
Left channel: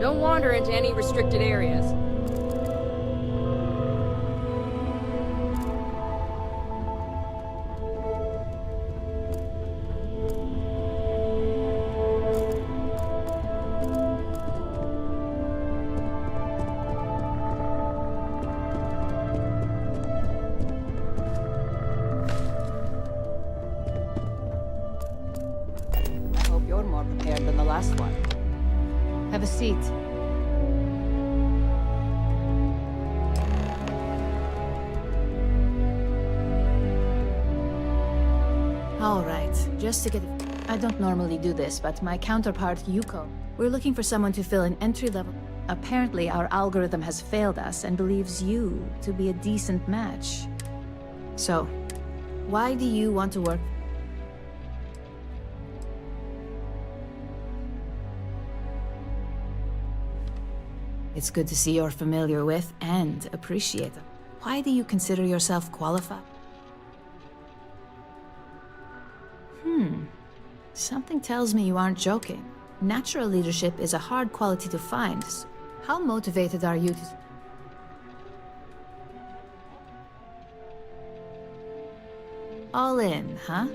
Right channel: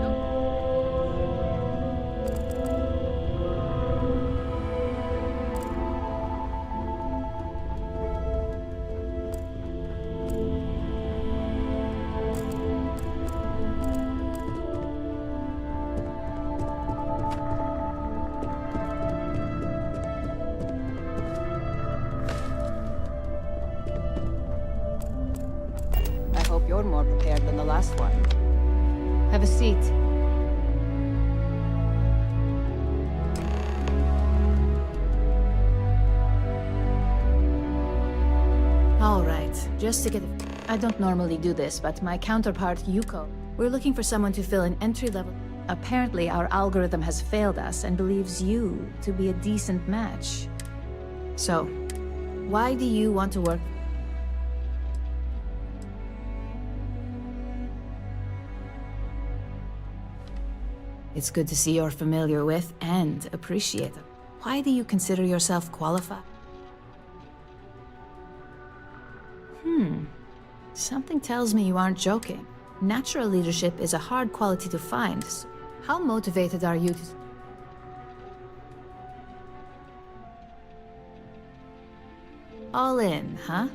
Don't wander into any restricted areas. I hope you're more prepared than the last one. Have a seat. All right, just to get it... I don't normally do this, but my counterpart, Yuko, we're looking for someone to fill an entry-level... Apparently, our algorithm has failed us and believes you to be a decent match. So, why do you want to work... It's good to see you're familiar with and appreciate them. Why do you consider yourself qualified? Something tells me you aren't joking. Natural leadership is a hard quality to find. So how motivated are you to... All in, huh?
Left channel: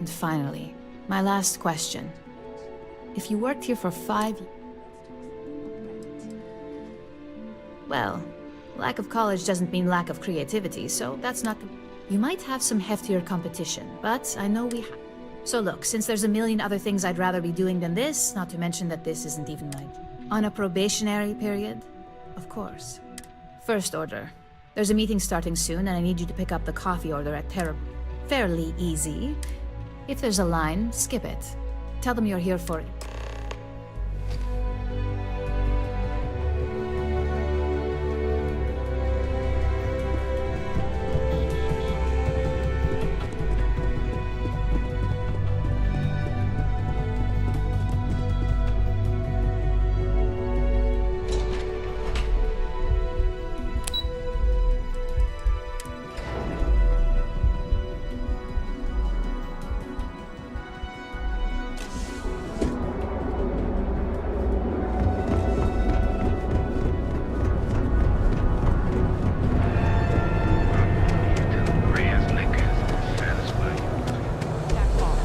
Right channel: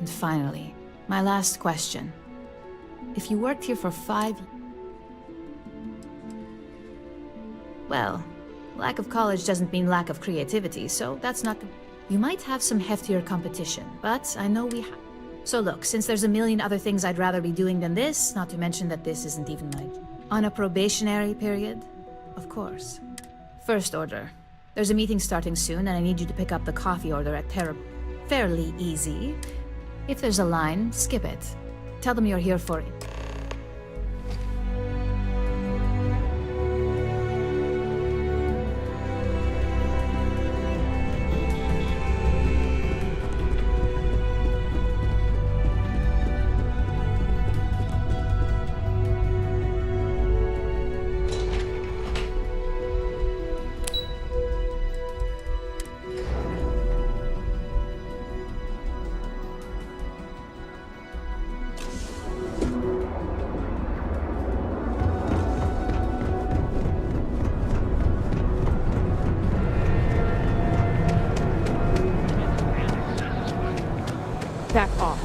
And finally, my last question. If you worked here for 5 years... Well, lack of college doesn't mean lack of creativity, so that's not... You might have some heftier competition, but I know we have... So look, since there's a million other things I'd rather be doing than this, not to mention that this isn't even my... On a probationary period? Of course. First order. There's a meeting starting soon, and I need you to pick up the coffee order at Terrible. Fairly easy. If there's a line, skip it. Tell them you're here for it. Back off.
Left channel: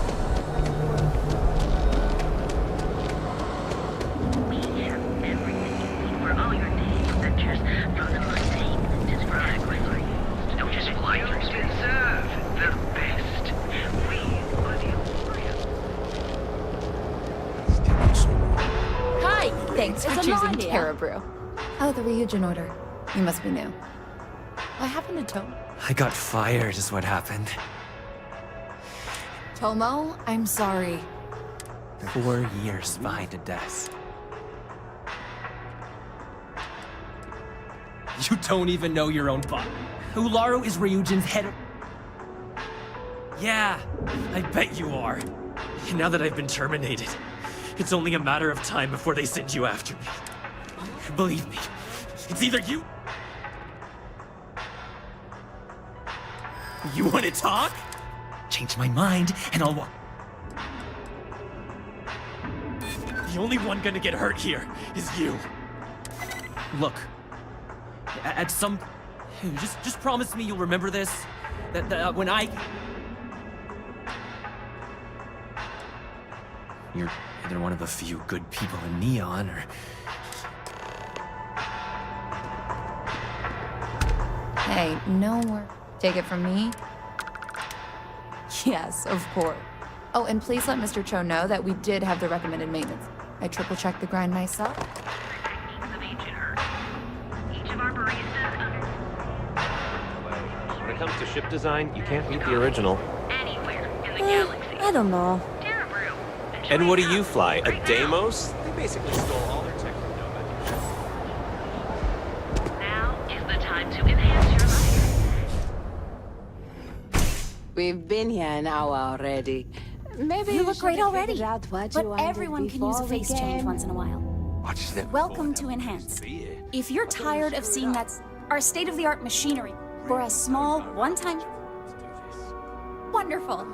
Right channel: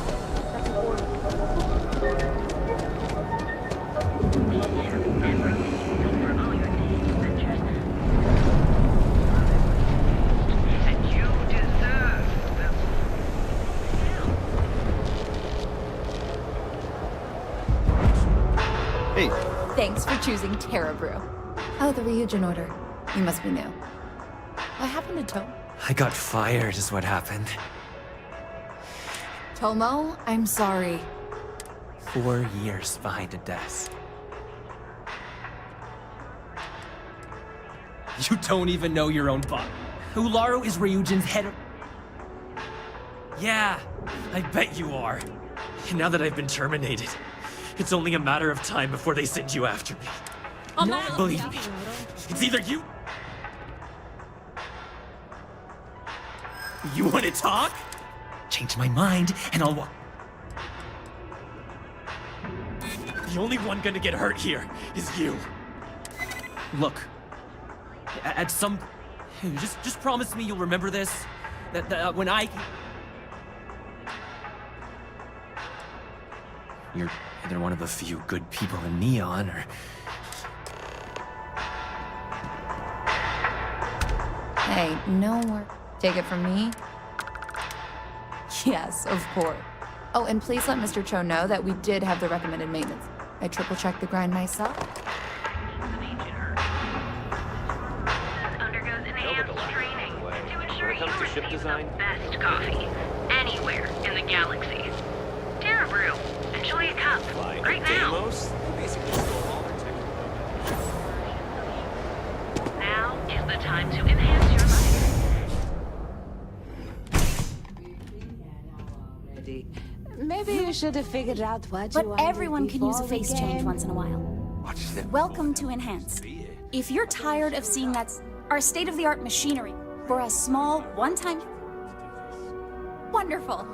Hi! Thanks for choosing Terra Brew. Oh, the Ryujin order. You must be new. What happened to Tomo? I got fired is what happened. Tomo, I'm sorry. 4 years behind a desk. You don't even know your own butt. Ularu is Ryujin's head of... Yeah, I bet you are. Now that I've been terminated, it's only a matter of time before they send you after me. Believe me, it's either you... You want to talk? Change my mind, and I'll walk. The only one gonna get hurt here is you. Look, at some... Just promise me you'll remember this. That when I... You're either one of the few good people in Neon, or... Hey, no more. Take it from me? Yes, of course. Oh, and please let Mr. Cho know that we did have the recommended maintenance. I triple-checked the grind myself. When it comes to ship design, you can't beat the original. Anywhere in the galaxy. I don't know. Terra Brew. And what do you fly? A Deimos? They basically stole all their tech from Nova. Now is the time to enhance your life. We've been here an hour already. Maybe You you look should great have already. figured out what But you wanted everyone can use a before we face change came. once in a while. Watch them. Welcome to Enhance. If you're tired of seeing our state-of-the-art machinery for a small, one-time... Wonderful.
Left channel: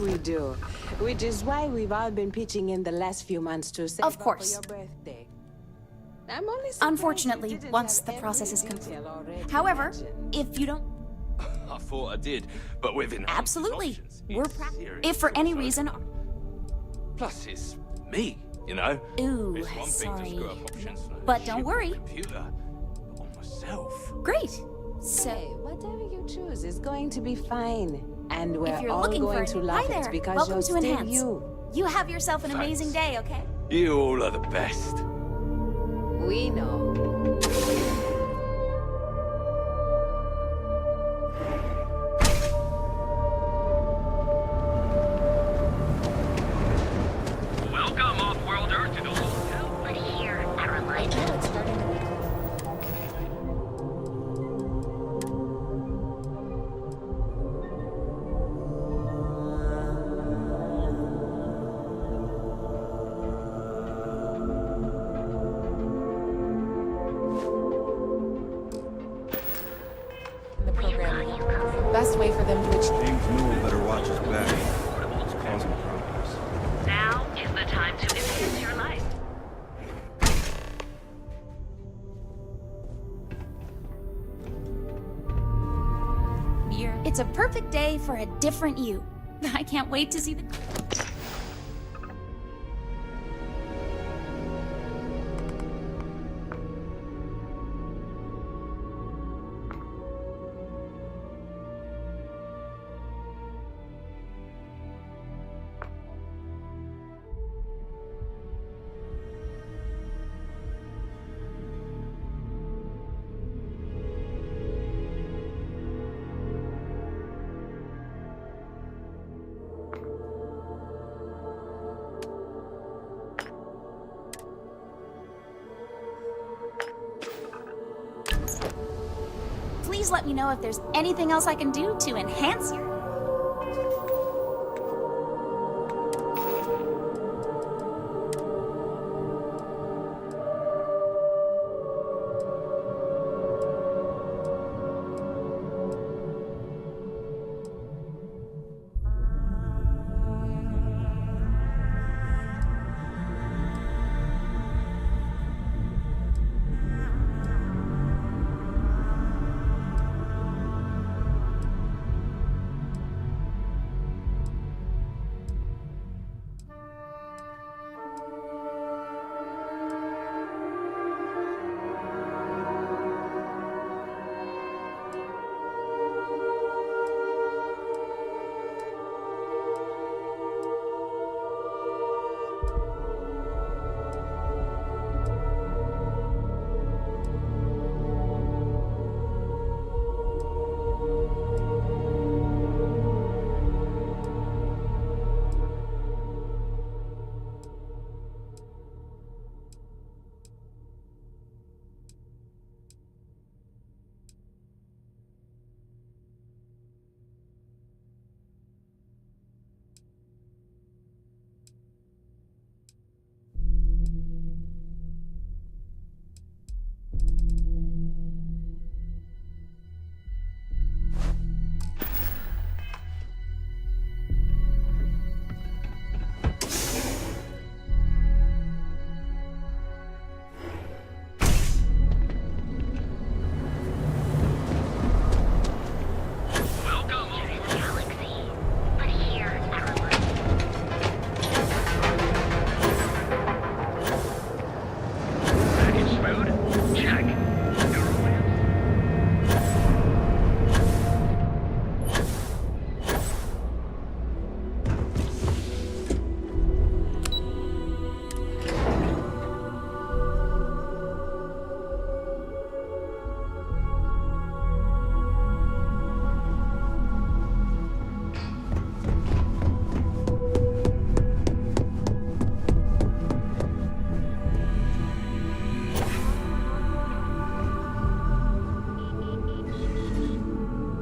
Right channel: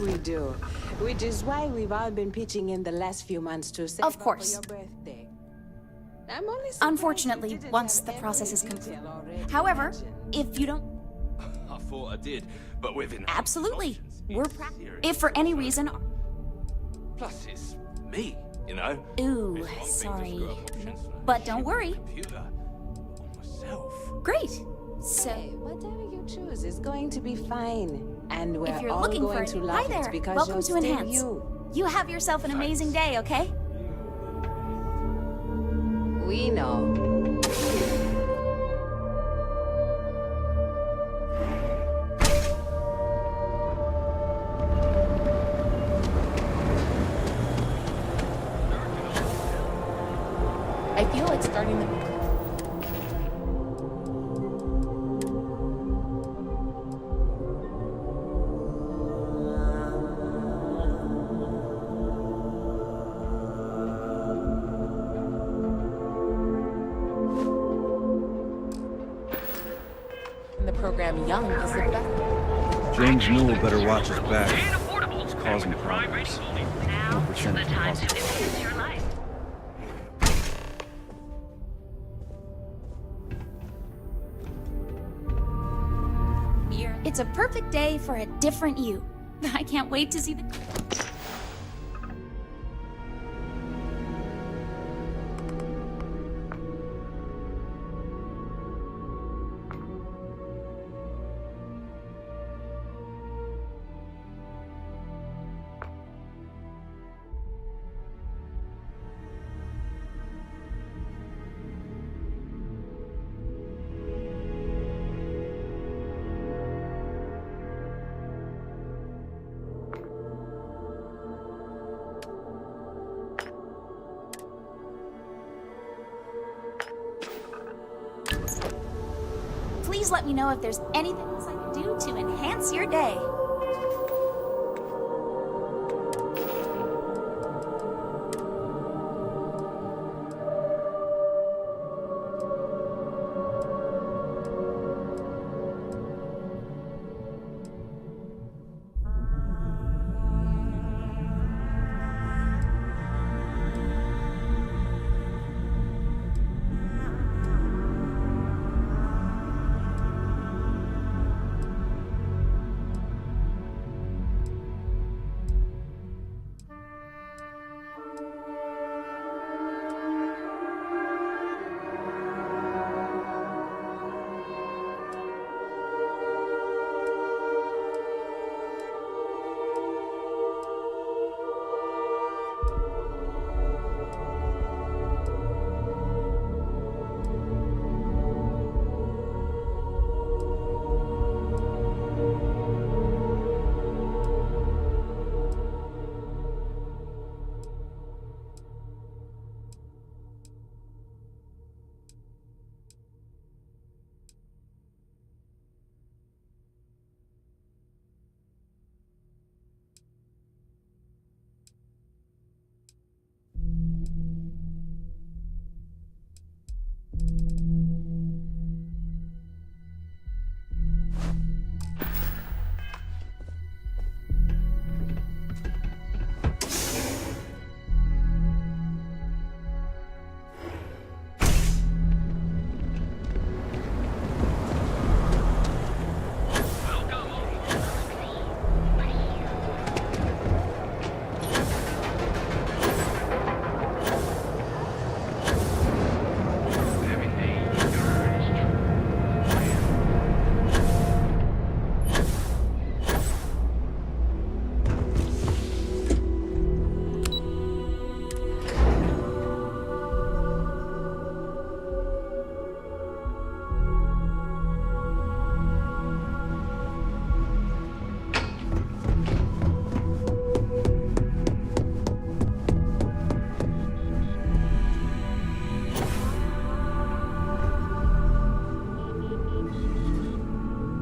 we do. Which is why we've all been pitching in the last few months to save Of course. up for your birthday. I'm only surprised Unfortunately, you didn't once have the every process is complete. detail already However, imagined. if you don't... I thought I did, but with enhanced Absolutely. options, We're it's If for serious any crossover. reason... Plus, it's me, you know? Ooh, It's one thing to sorry. screw up options on a But don't ship or worry. computer, but on myself. Great. So... Hey, whatever you choose is going to be fine. And we're If you're all looking going for to Hi love there. it because Welcome you're to still Enhance. you. You have yourself an amazing day, okay? You all are the best. We know. Welcome off-world Earth to the I feel like starting the... in the program young is the best way for them to... Strange Newell better watch his back. It's causing problems. Now is the time to enhance your life. It's a perfect day for a different you. I can't wait to see the... Please let me know if there's anything else I can do to enhance your day.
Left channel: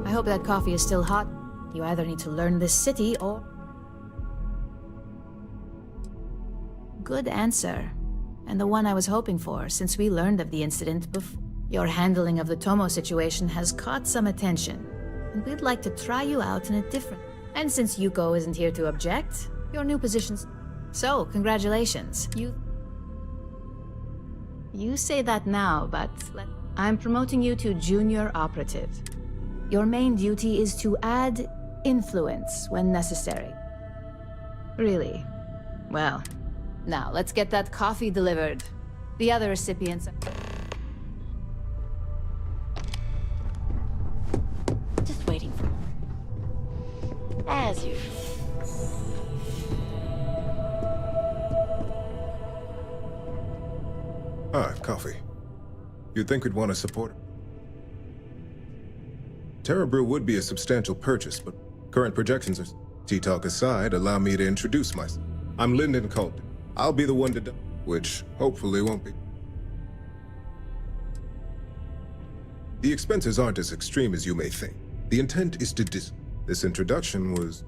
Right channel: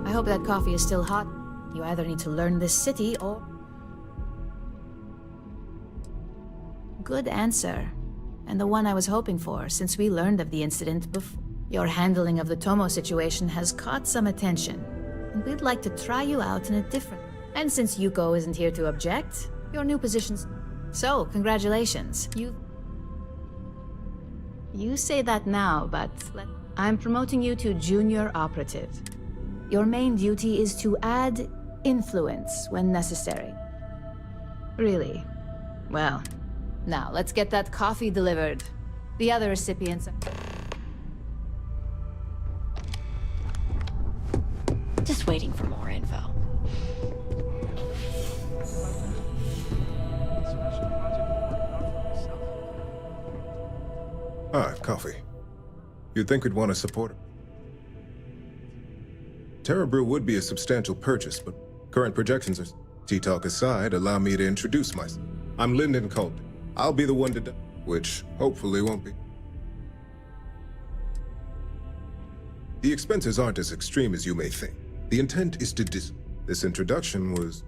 I hope that coffee is still hot. You either need to learn this city or... Good answer. And the one I was hoping for, since we learned of the incident before. Your handling of the Tomo situation has caught some attention, and we'd like to try you out in a different... And since Yuko isn't here to object, your new position's... So, congratulations. You say that now, but I'm promoting you to junior operative. Your main duty is to add influence when necessary. Really? Well, now let's get that coffee delivered. The other recipients... Just waiting for more info. As usual. Ah, coffee. You'd think we'd want to support it. Terra Brew would be a substantial purchase, but current projections are... Tea-talk aside, allow me to introduce myself. I'm Lyndon Colt. I'll be the one to... which hopefully won't be. The expenses aren't as extreme as you may think. The intent is to This introduction was...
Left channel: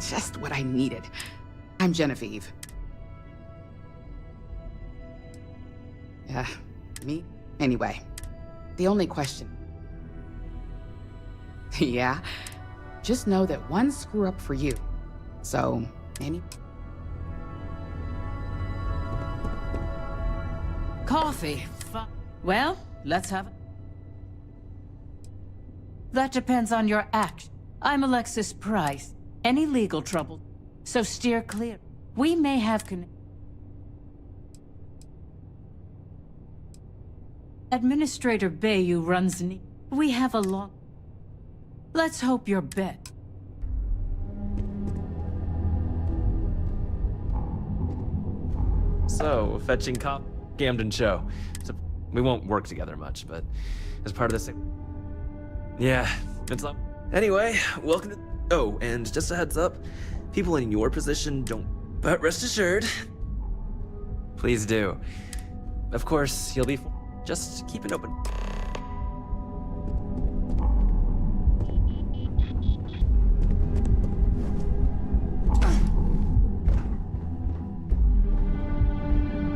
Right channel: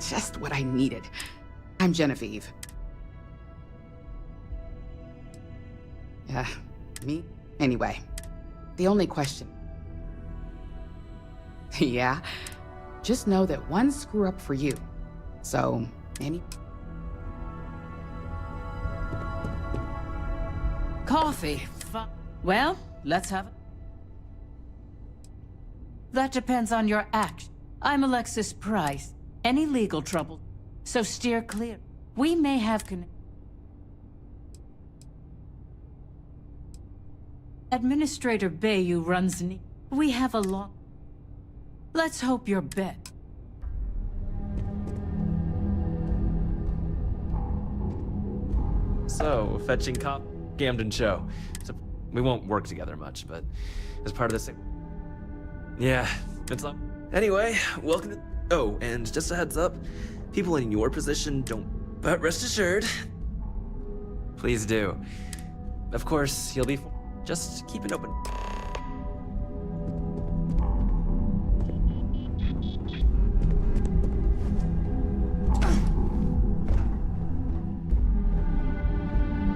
Just what I needed. I'm Genevieve. Me? Anyway, the only question... Yeah? Just know that one screw up for you. So, Coffee. Well, let's have it. That depends on your action. I'm Alexis Price. Any legal trouble, so steer clear. We may have Administrator Bayou runs We have a long... Let's hope you're bet. So, fetching cop, Camden show. So, we won't work together much, but as part of this thing... Yeah, it's up. Anyway, welcome to... Oh, and just a heads up, people in your position don't... But rest assured, please do. Of course, you'll be... Just keep it open.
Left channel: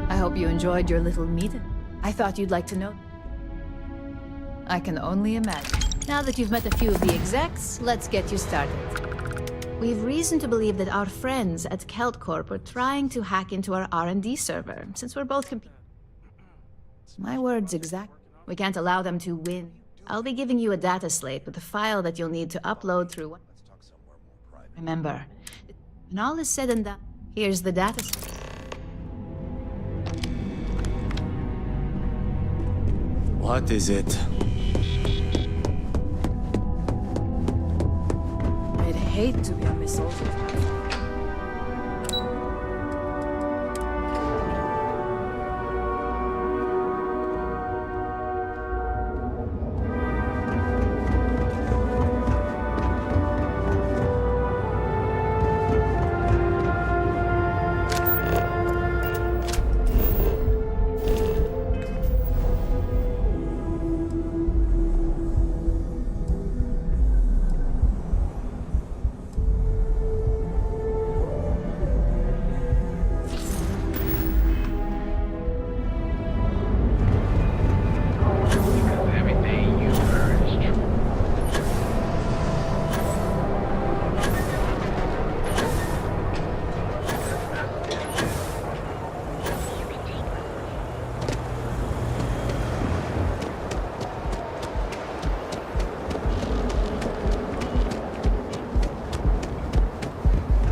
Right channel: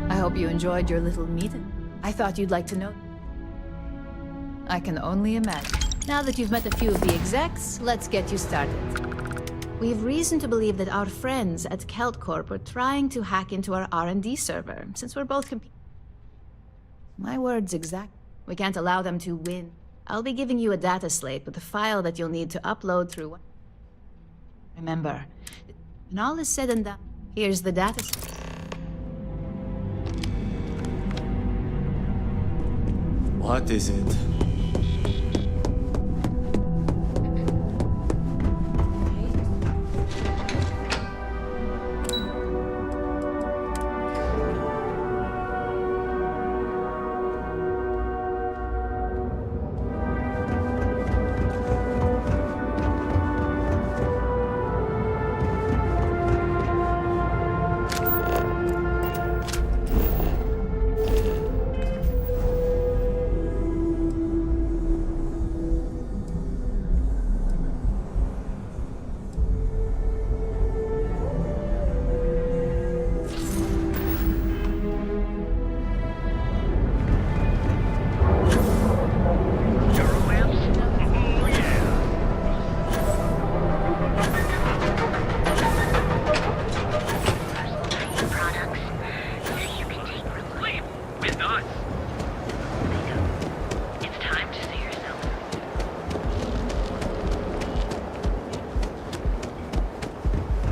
I hope you enjoyed your little meeting. I thought you'd like to know. I can only imagine. Now that you've met a few of the execs, let's get you started. We've reason to believe that our friends at Kelt Corp are trying to hack into our R&D server, since we're both My word's exact. We can't allow them to win. I'll be giving you a data slate with a file that you'll need to upload through... Remember, when all is said and done, here's the data slate. What is it? I'd hate to miss it.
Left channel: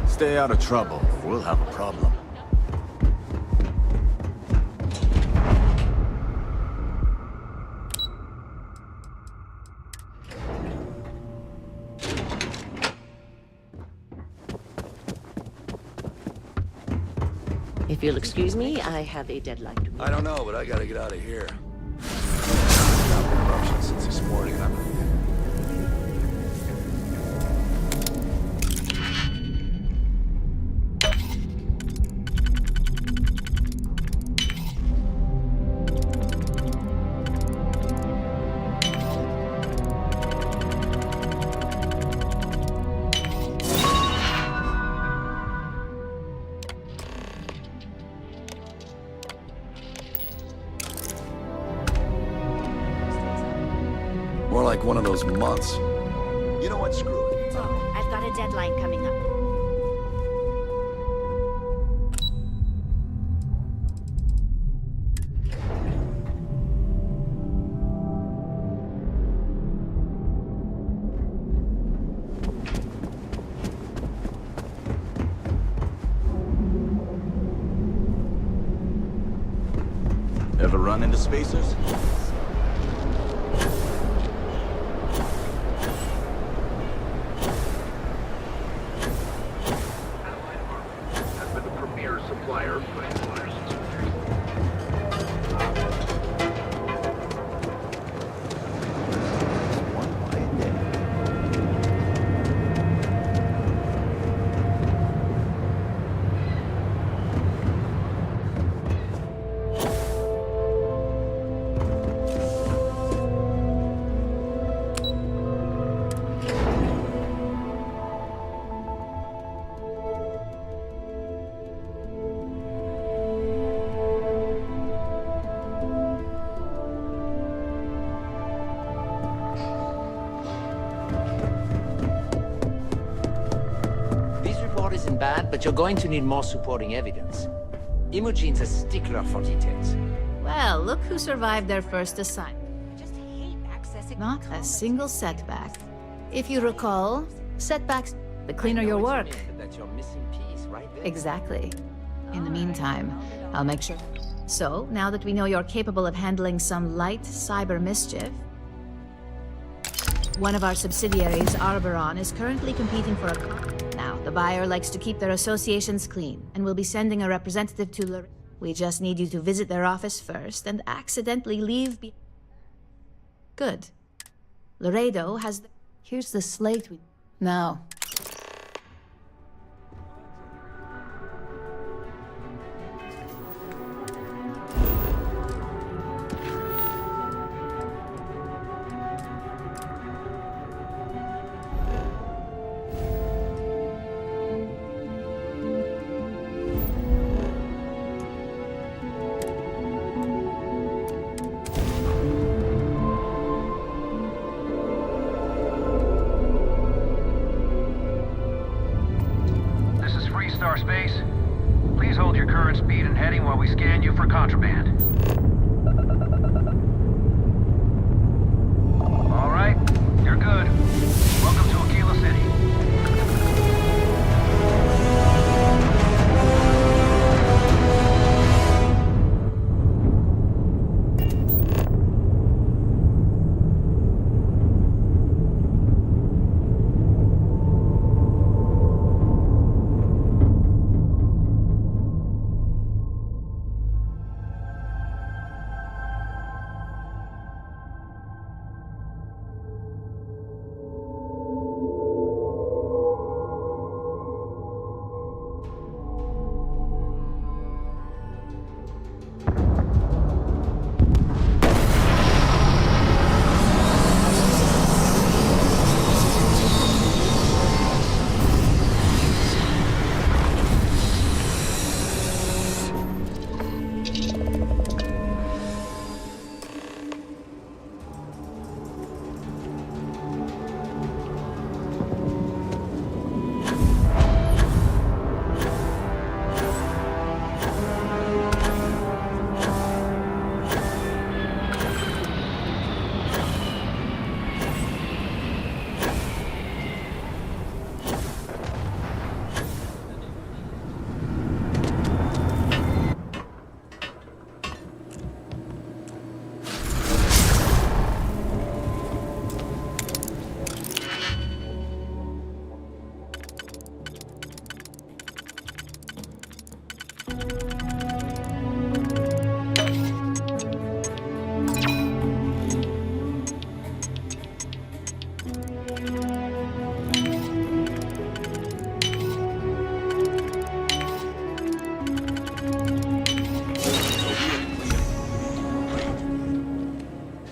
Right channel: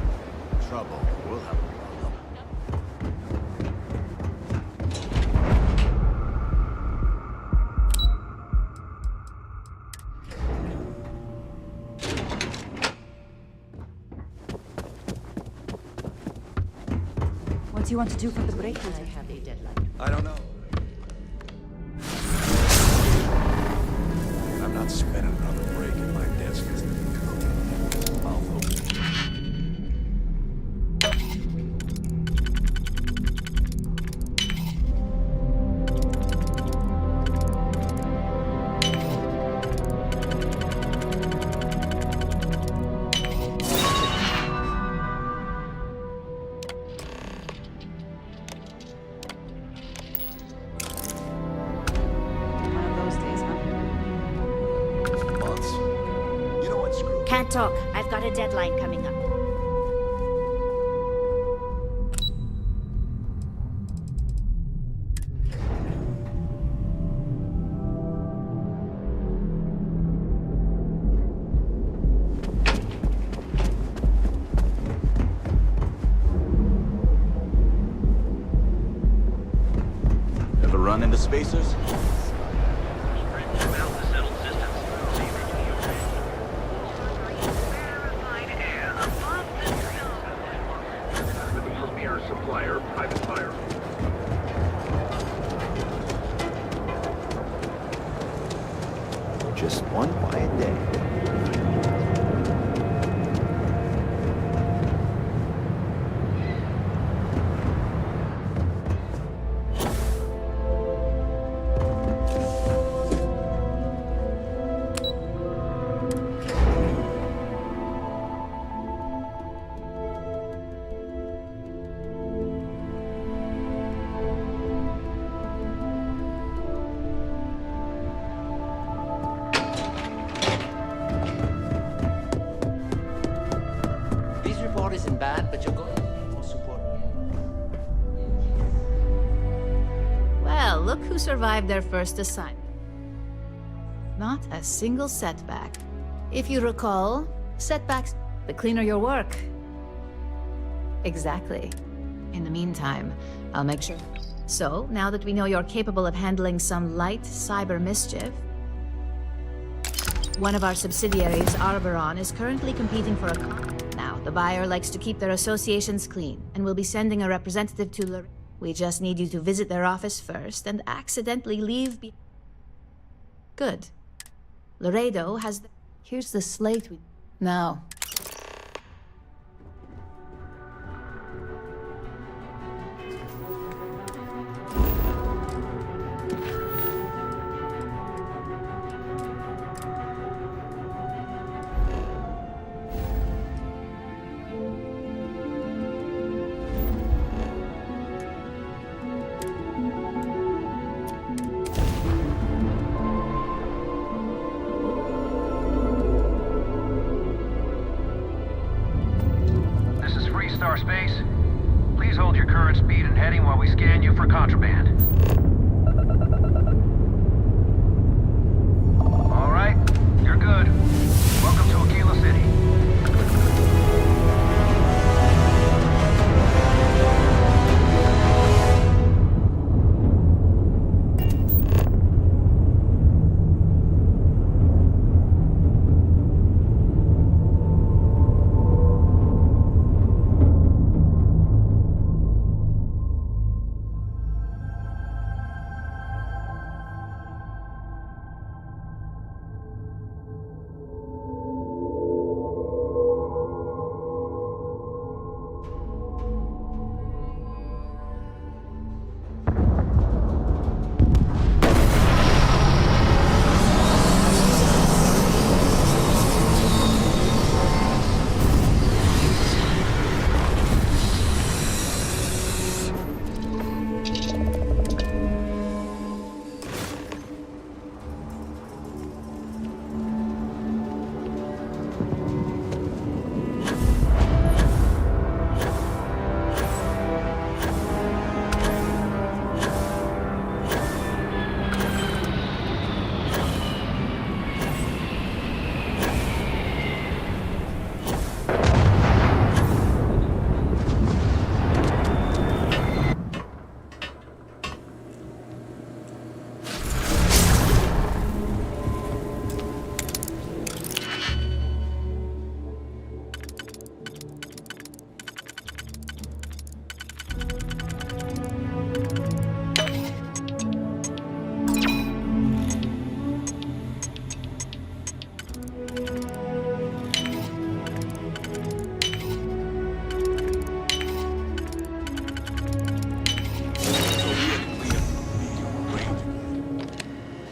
Stay out of trouble, or we'll have a problem. If you'll excuse me, I have a deadline. I don't know, but I gotta get out of here. Since this morning, and I'm not spending another break at my desk. one of those months. You know what, screw it. Can't talk. I've got a deadline coming up. Ever run into spacers? Supplier, private fire. Just one quiet day. This report isn't bad, but you're going to need more supporting evidence. Imogene's a stickler for details. Well, look who survived their first assignment. Not a single setback. If you recall, setbacks, the cleaner your work. That's your missing piece, right there. Exactly. In the meantime, I'll make sure. So, now that we know you're capable of handling some light cyber mischief, one of our subsidiaries, Arboron, is currently competing for a Now, the buyer likes to keep their associations clean, and will be sending a representative to Laredo. We just need you to visit their office first and accidentally leave Good. Laredo has the... Here's the slate we... Now. Star Space. Please hold your current speed and heading while we scan you for contraband. All right, you're good. Welcome to Aquila City.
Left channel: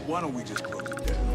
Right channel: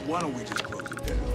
Why don't we just close it down?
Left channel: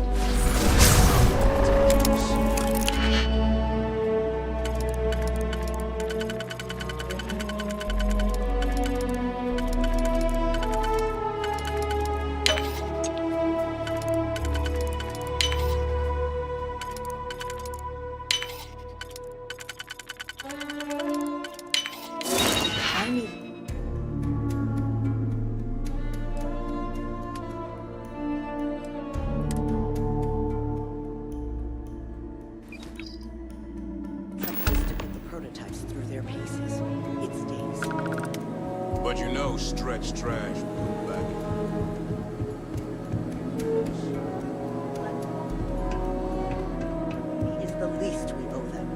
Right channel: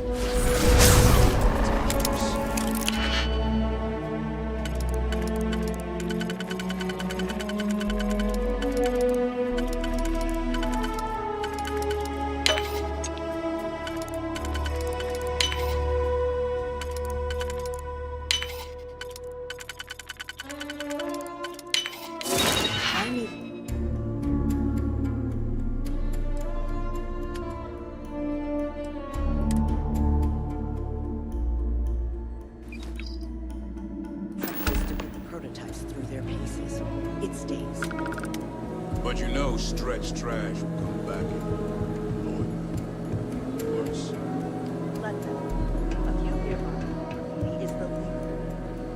stretch trash will come back. Let them. You hear her. He is the least we owe them.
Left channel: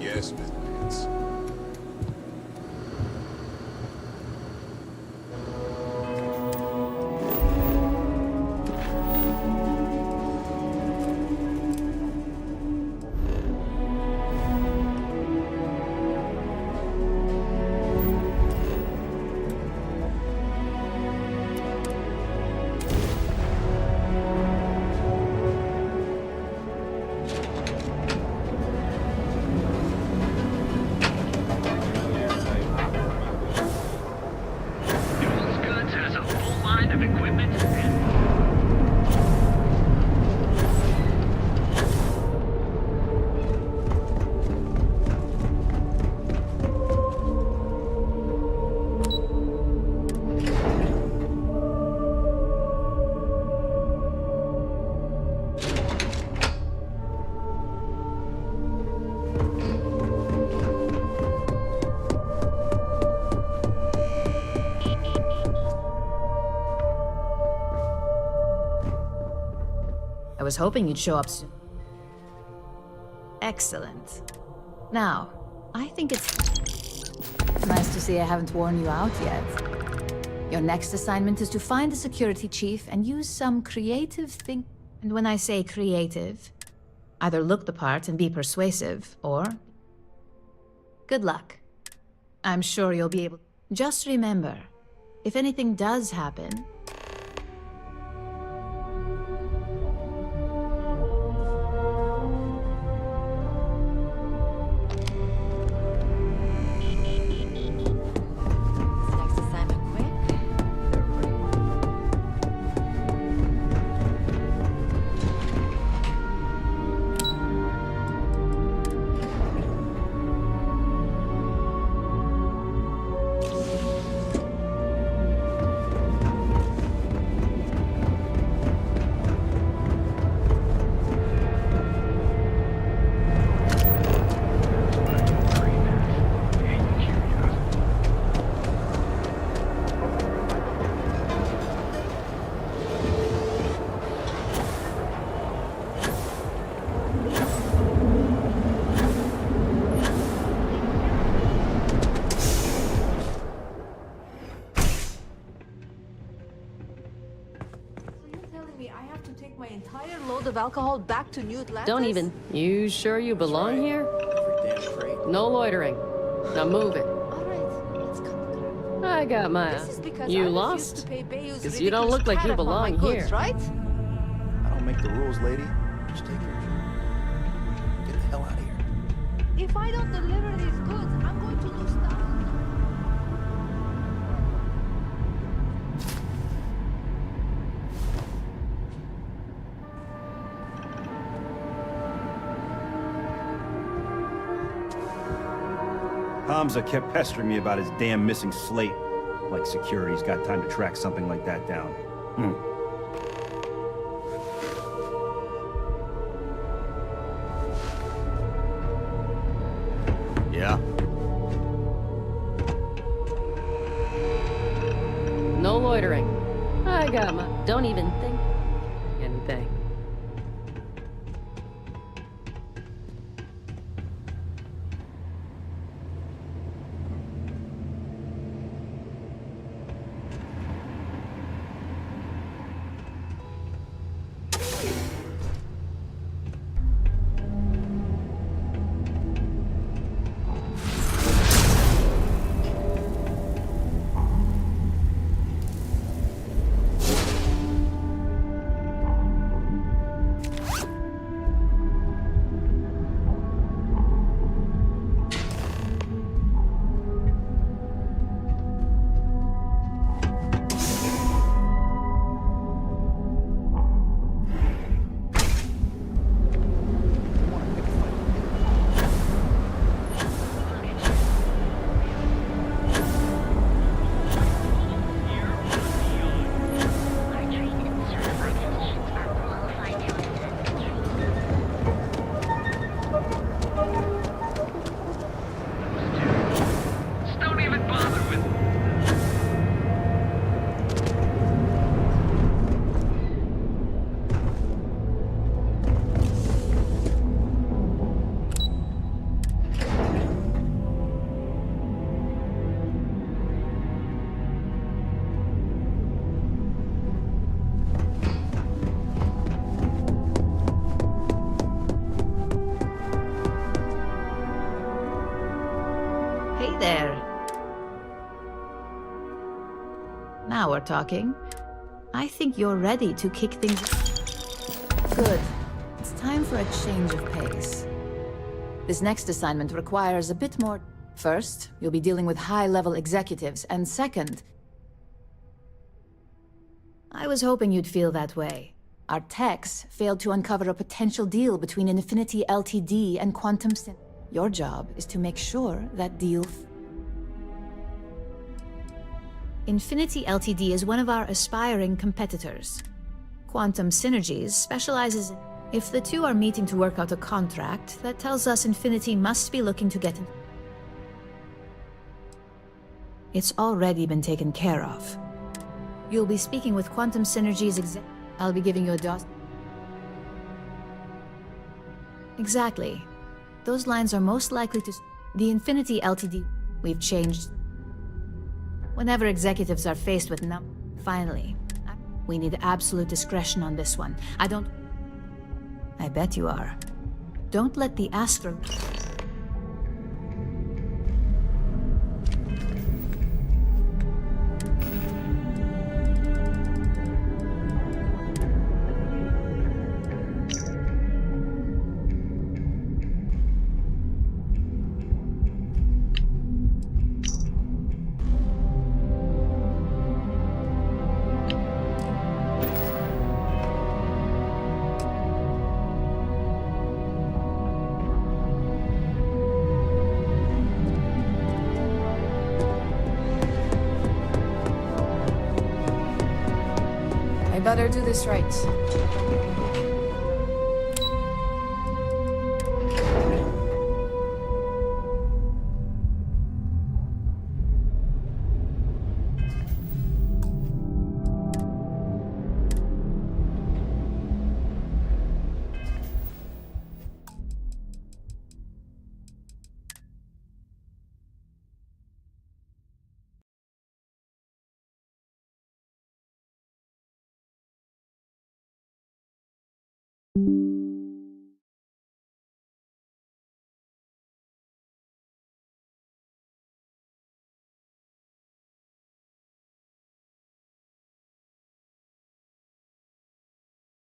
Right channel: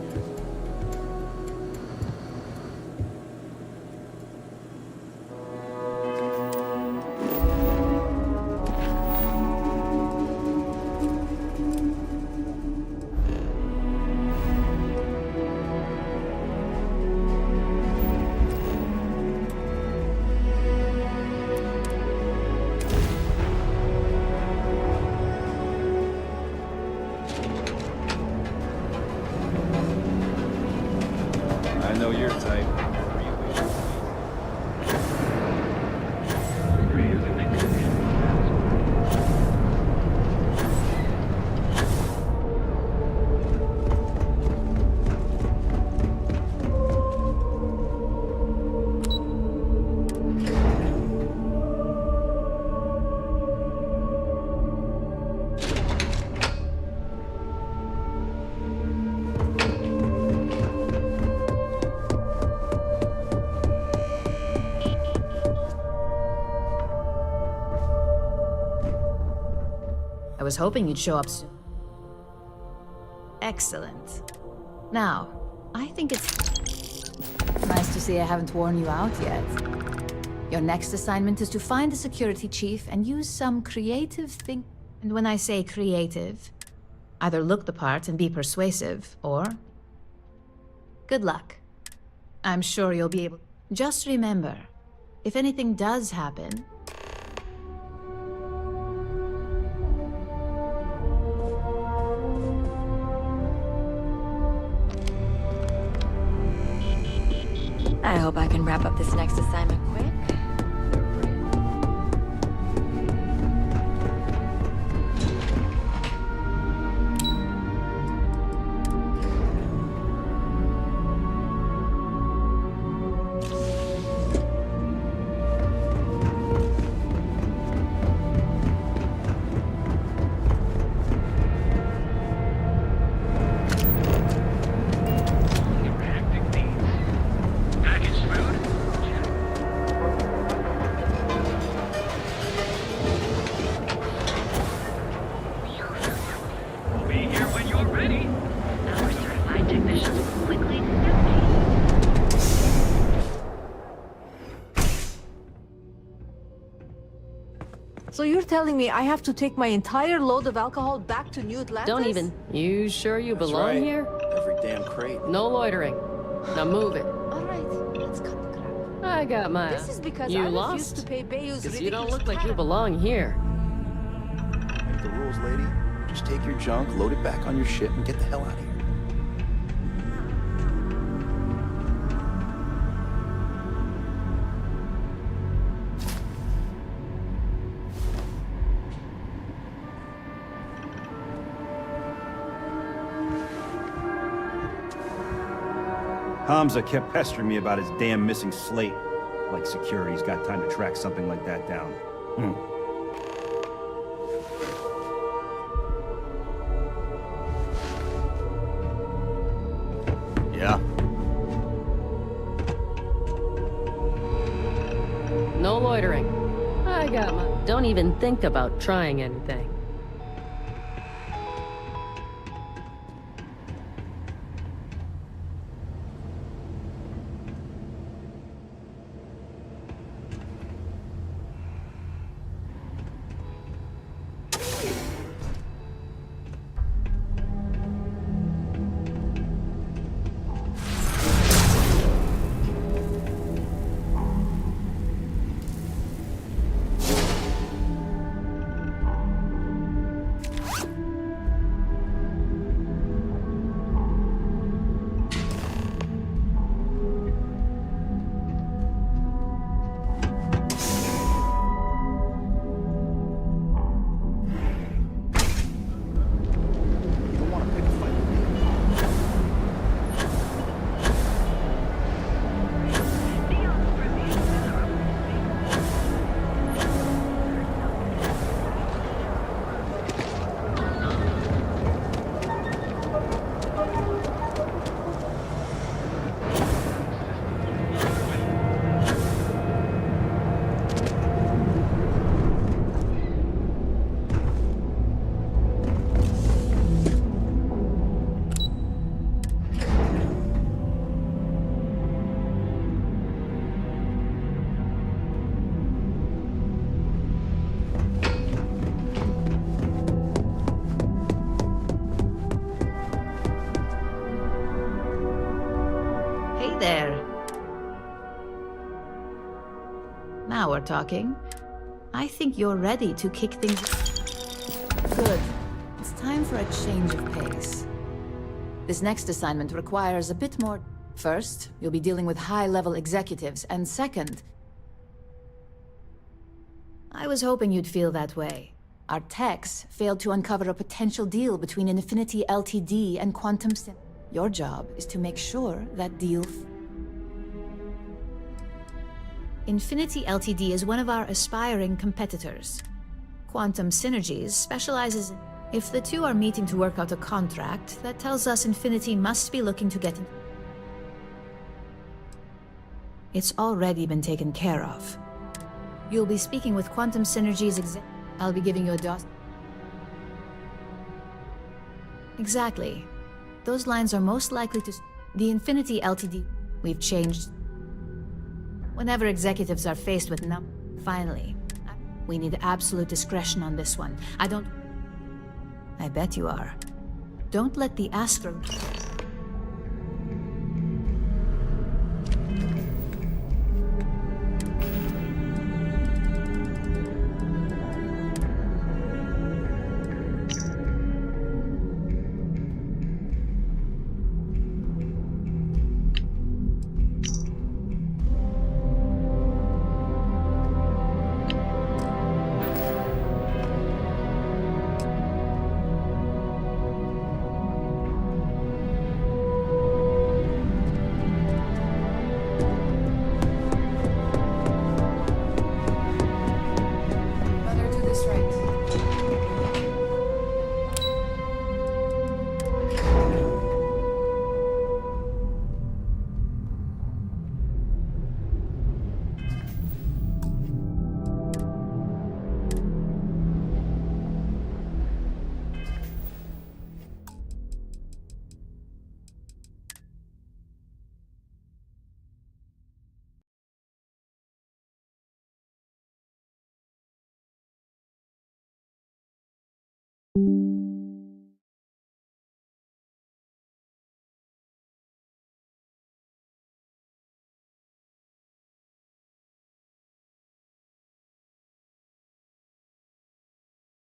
Yes, Miss. I know your type. I was hoping you'd show up soon. Excellent. Now, I think it's nice to see I haven't worn you out yet. Your next assignment is to find the security chief and use some creative thing. And when I say creative, either look the part and be persuasive, or... good luck. I'm sure you'll be able... Just remember, if anything does happen, I hope I can wrap up this next assignment quick. So you're telling me I have to take my entire load of alcohol back to New Atlantis? Don't even. You sure you belong right. here? Every damn crate. No loitering. Now move it. All right, let's cut the crap. I got my... This is because You I refuse lost? to pay Bayou's Because you don't look like you belong here. Right? I don't make the rules, lady. Just take your junk, load it back on your ship, and get the hell out of here. If I don't deliver these goods, I'm going to lose them. Hamza kept pestering me about his damn missing slate. Like security's got time to track something like that down. Yeah? No loitering. I got my... Don't even think about trying anything. Hey there. Now we're talking. I think you're ready to kick things... Good. It's time for a change of pace. This next assignment requires a bit more... First, you'll be dealing with high-level executives, and second... I was hoping you'd feel that way. Our techs failed to uncover a potential deal between Infinity Ltd. And Quantum Sim. Your job is to make sure that deal... Infinity Ltd. Is one of our aspiring competitors. Quantum Synergies specializes in... If the two are meeting to work out a contract, that tells us Infinity must be looking to get in... It's already been taken care of. You'll be speaking with Quantum Synergies I'll be giving you a DOS... Exactly. Those lines are most likely to... The Infinity Ltd. We've changed... Whenever executives are faced with Finally. We need absolute discretion on this one. I bet you are. Don't let the Astro... I better do this right.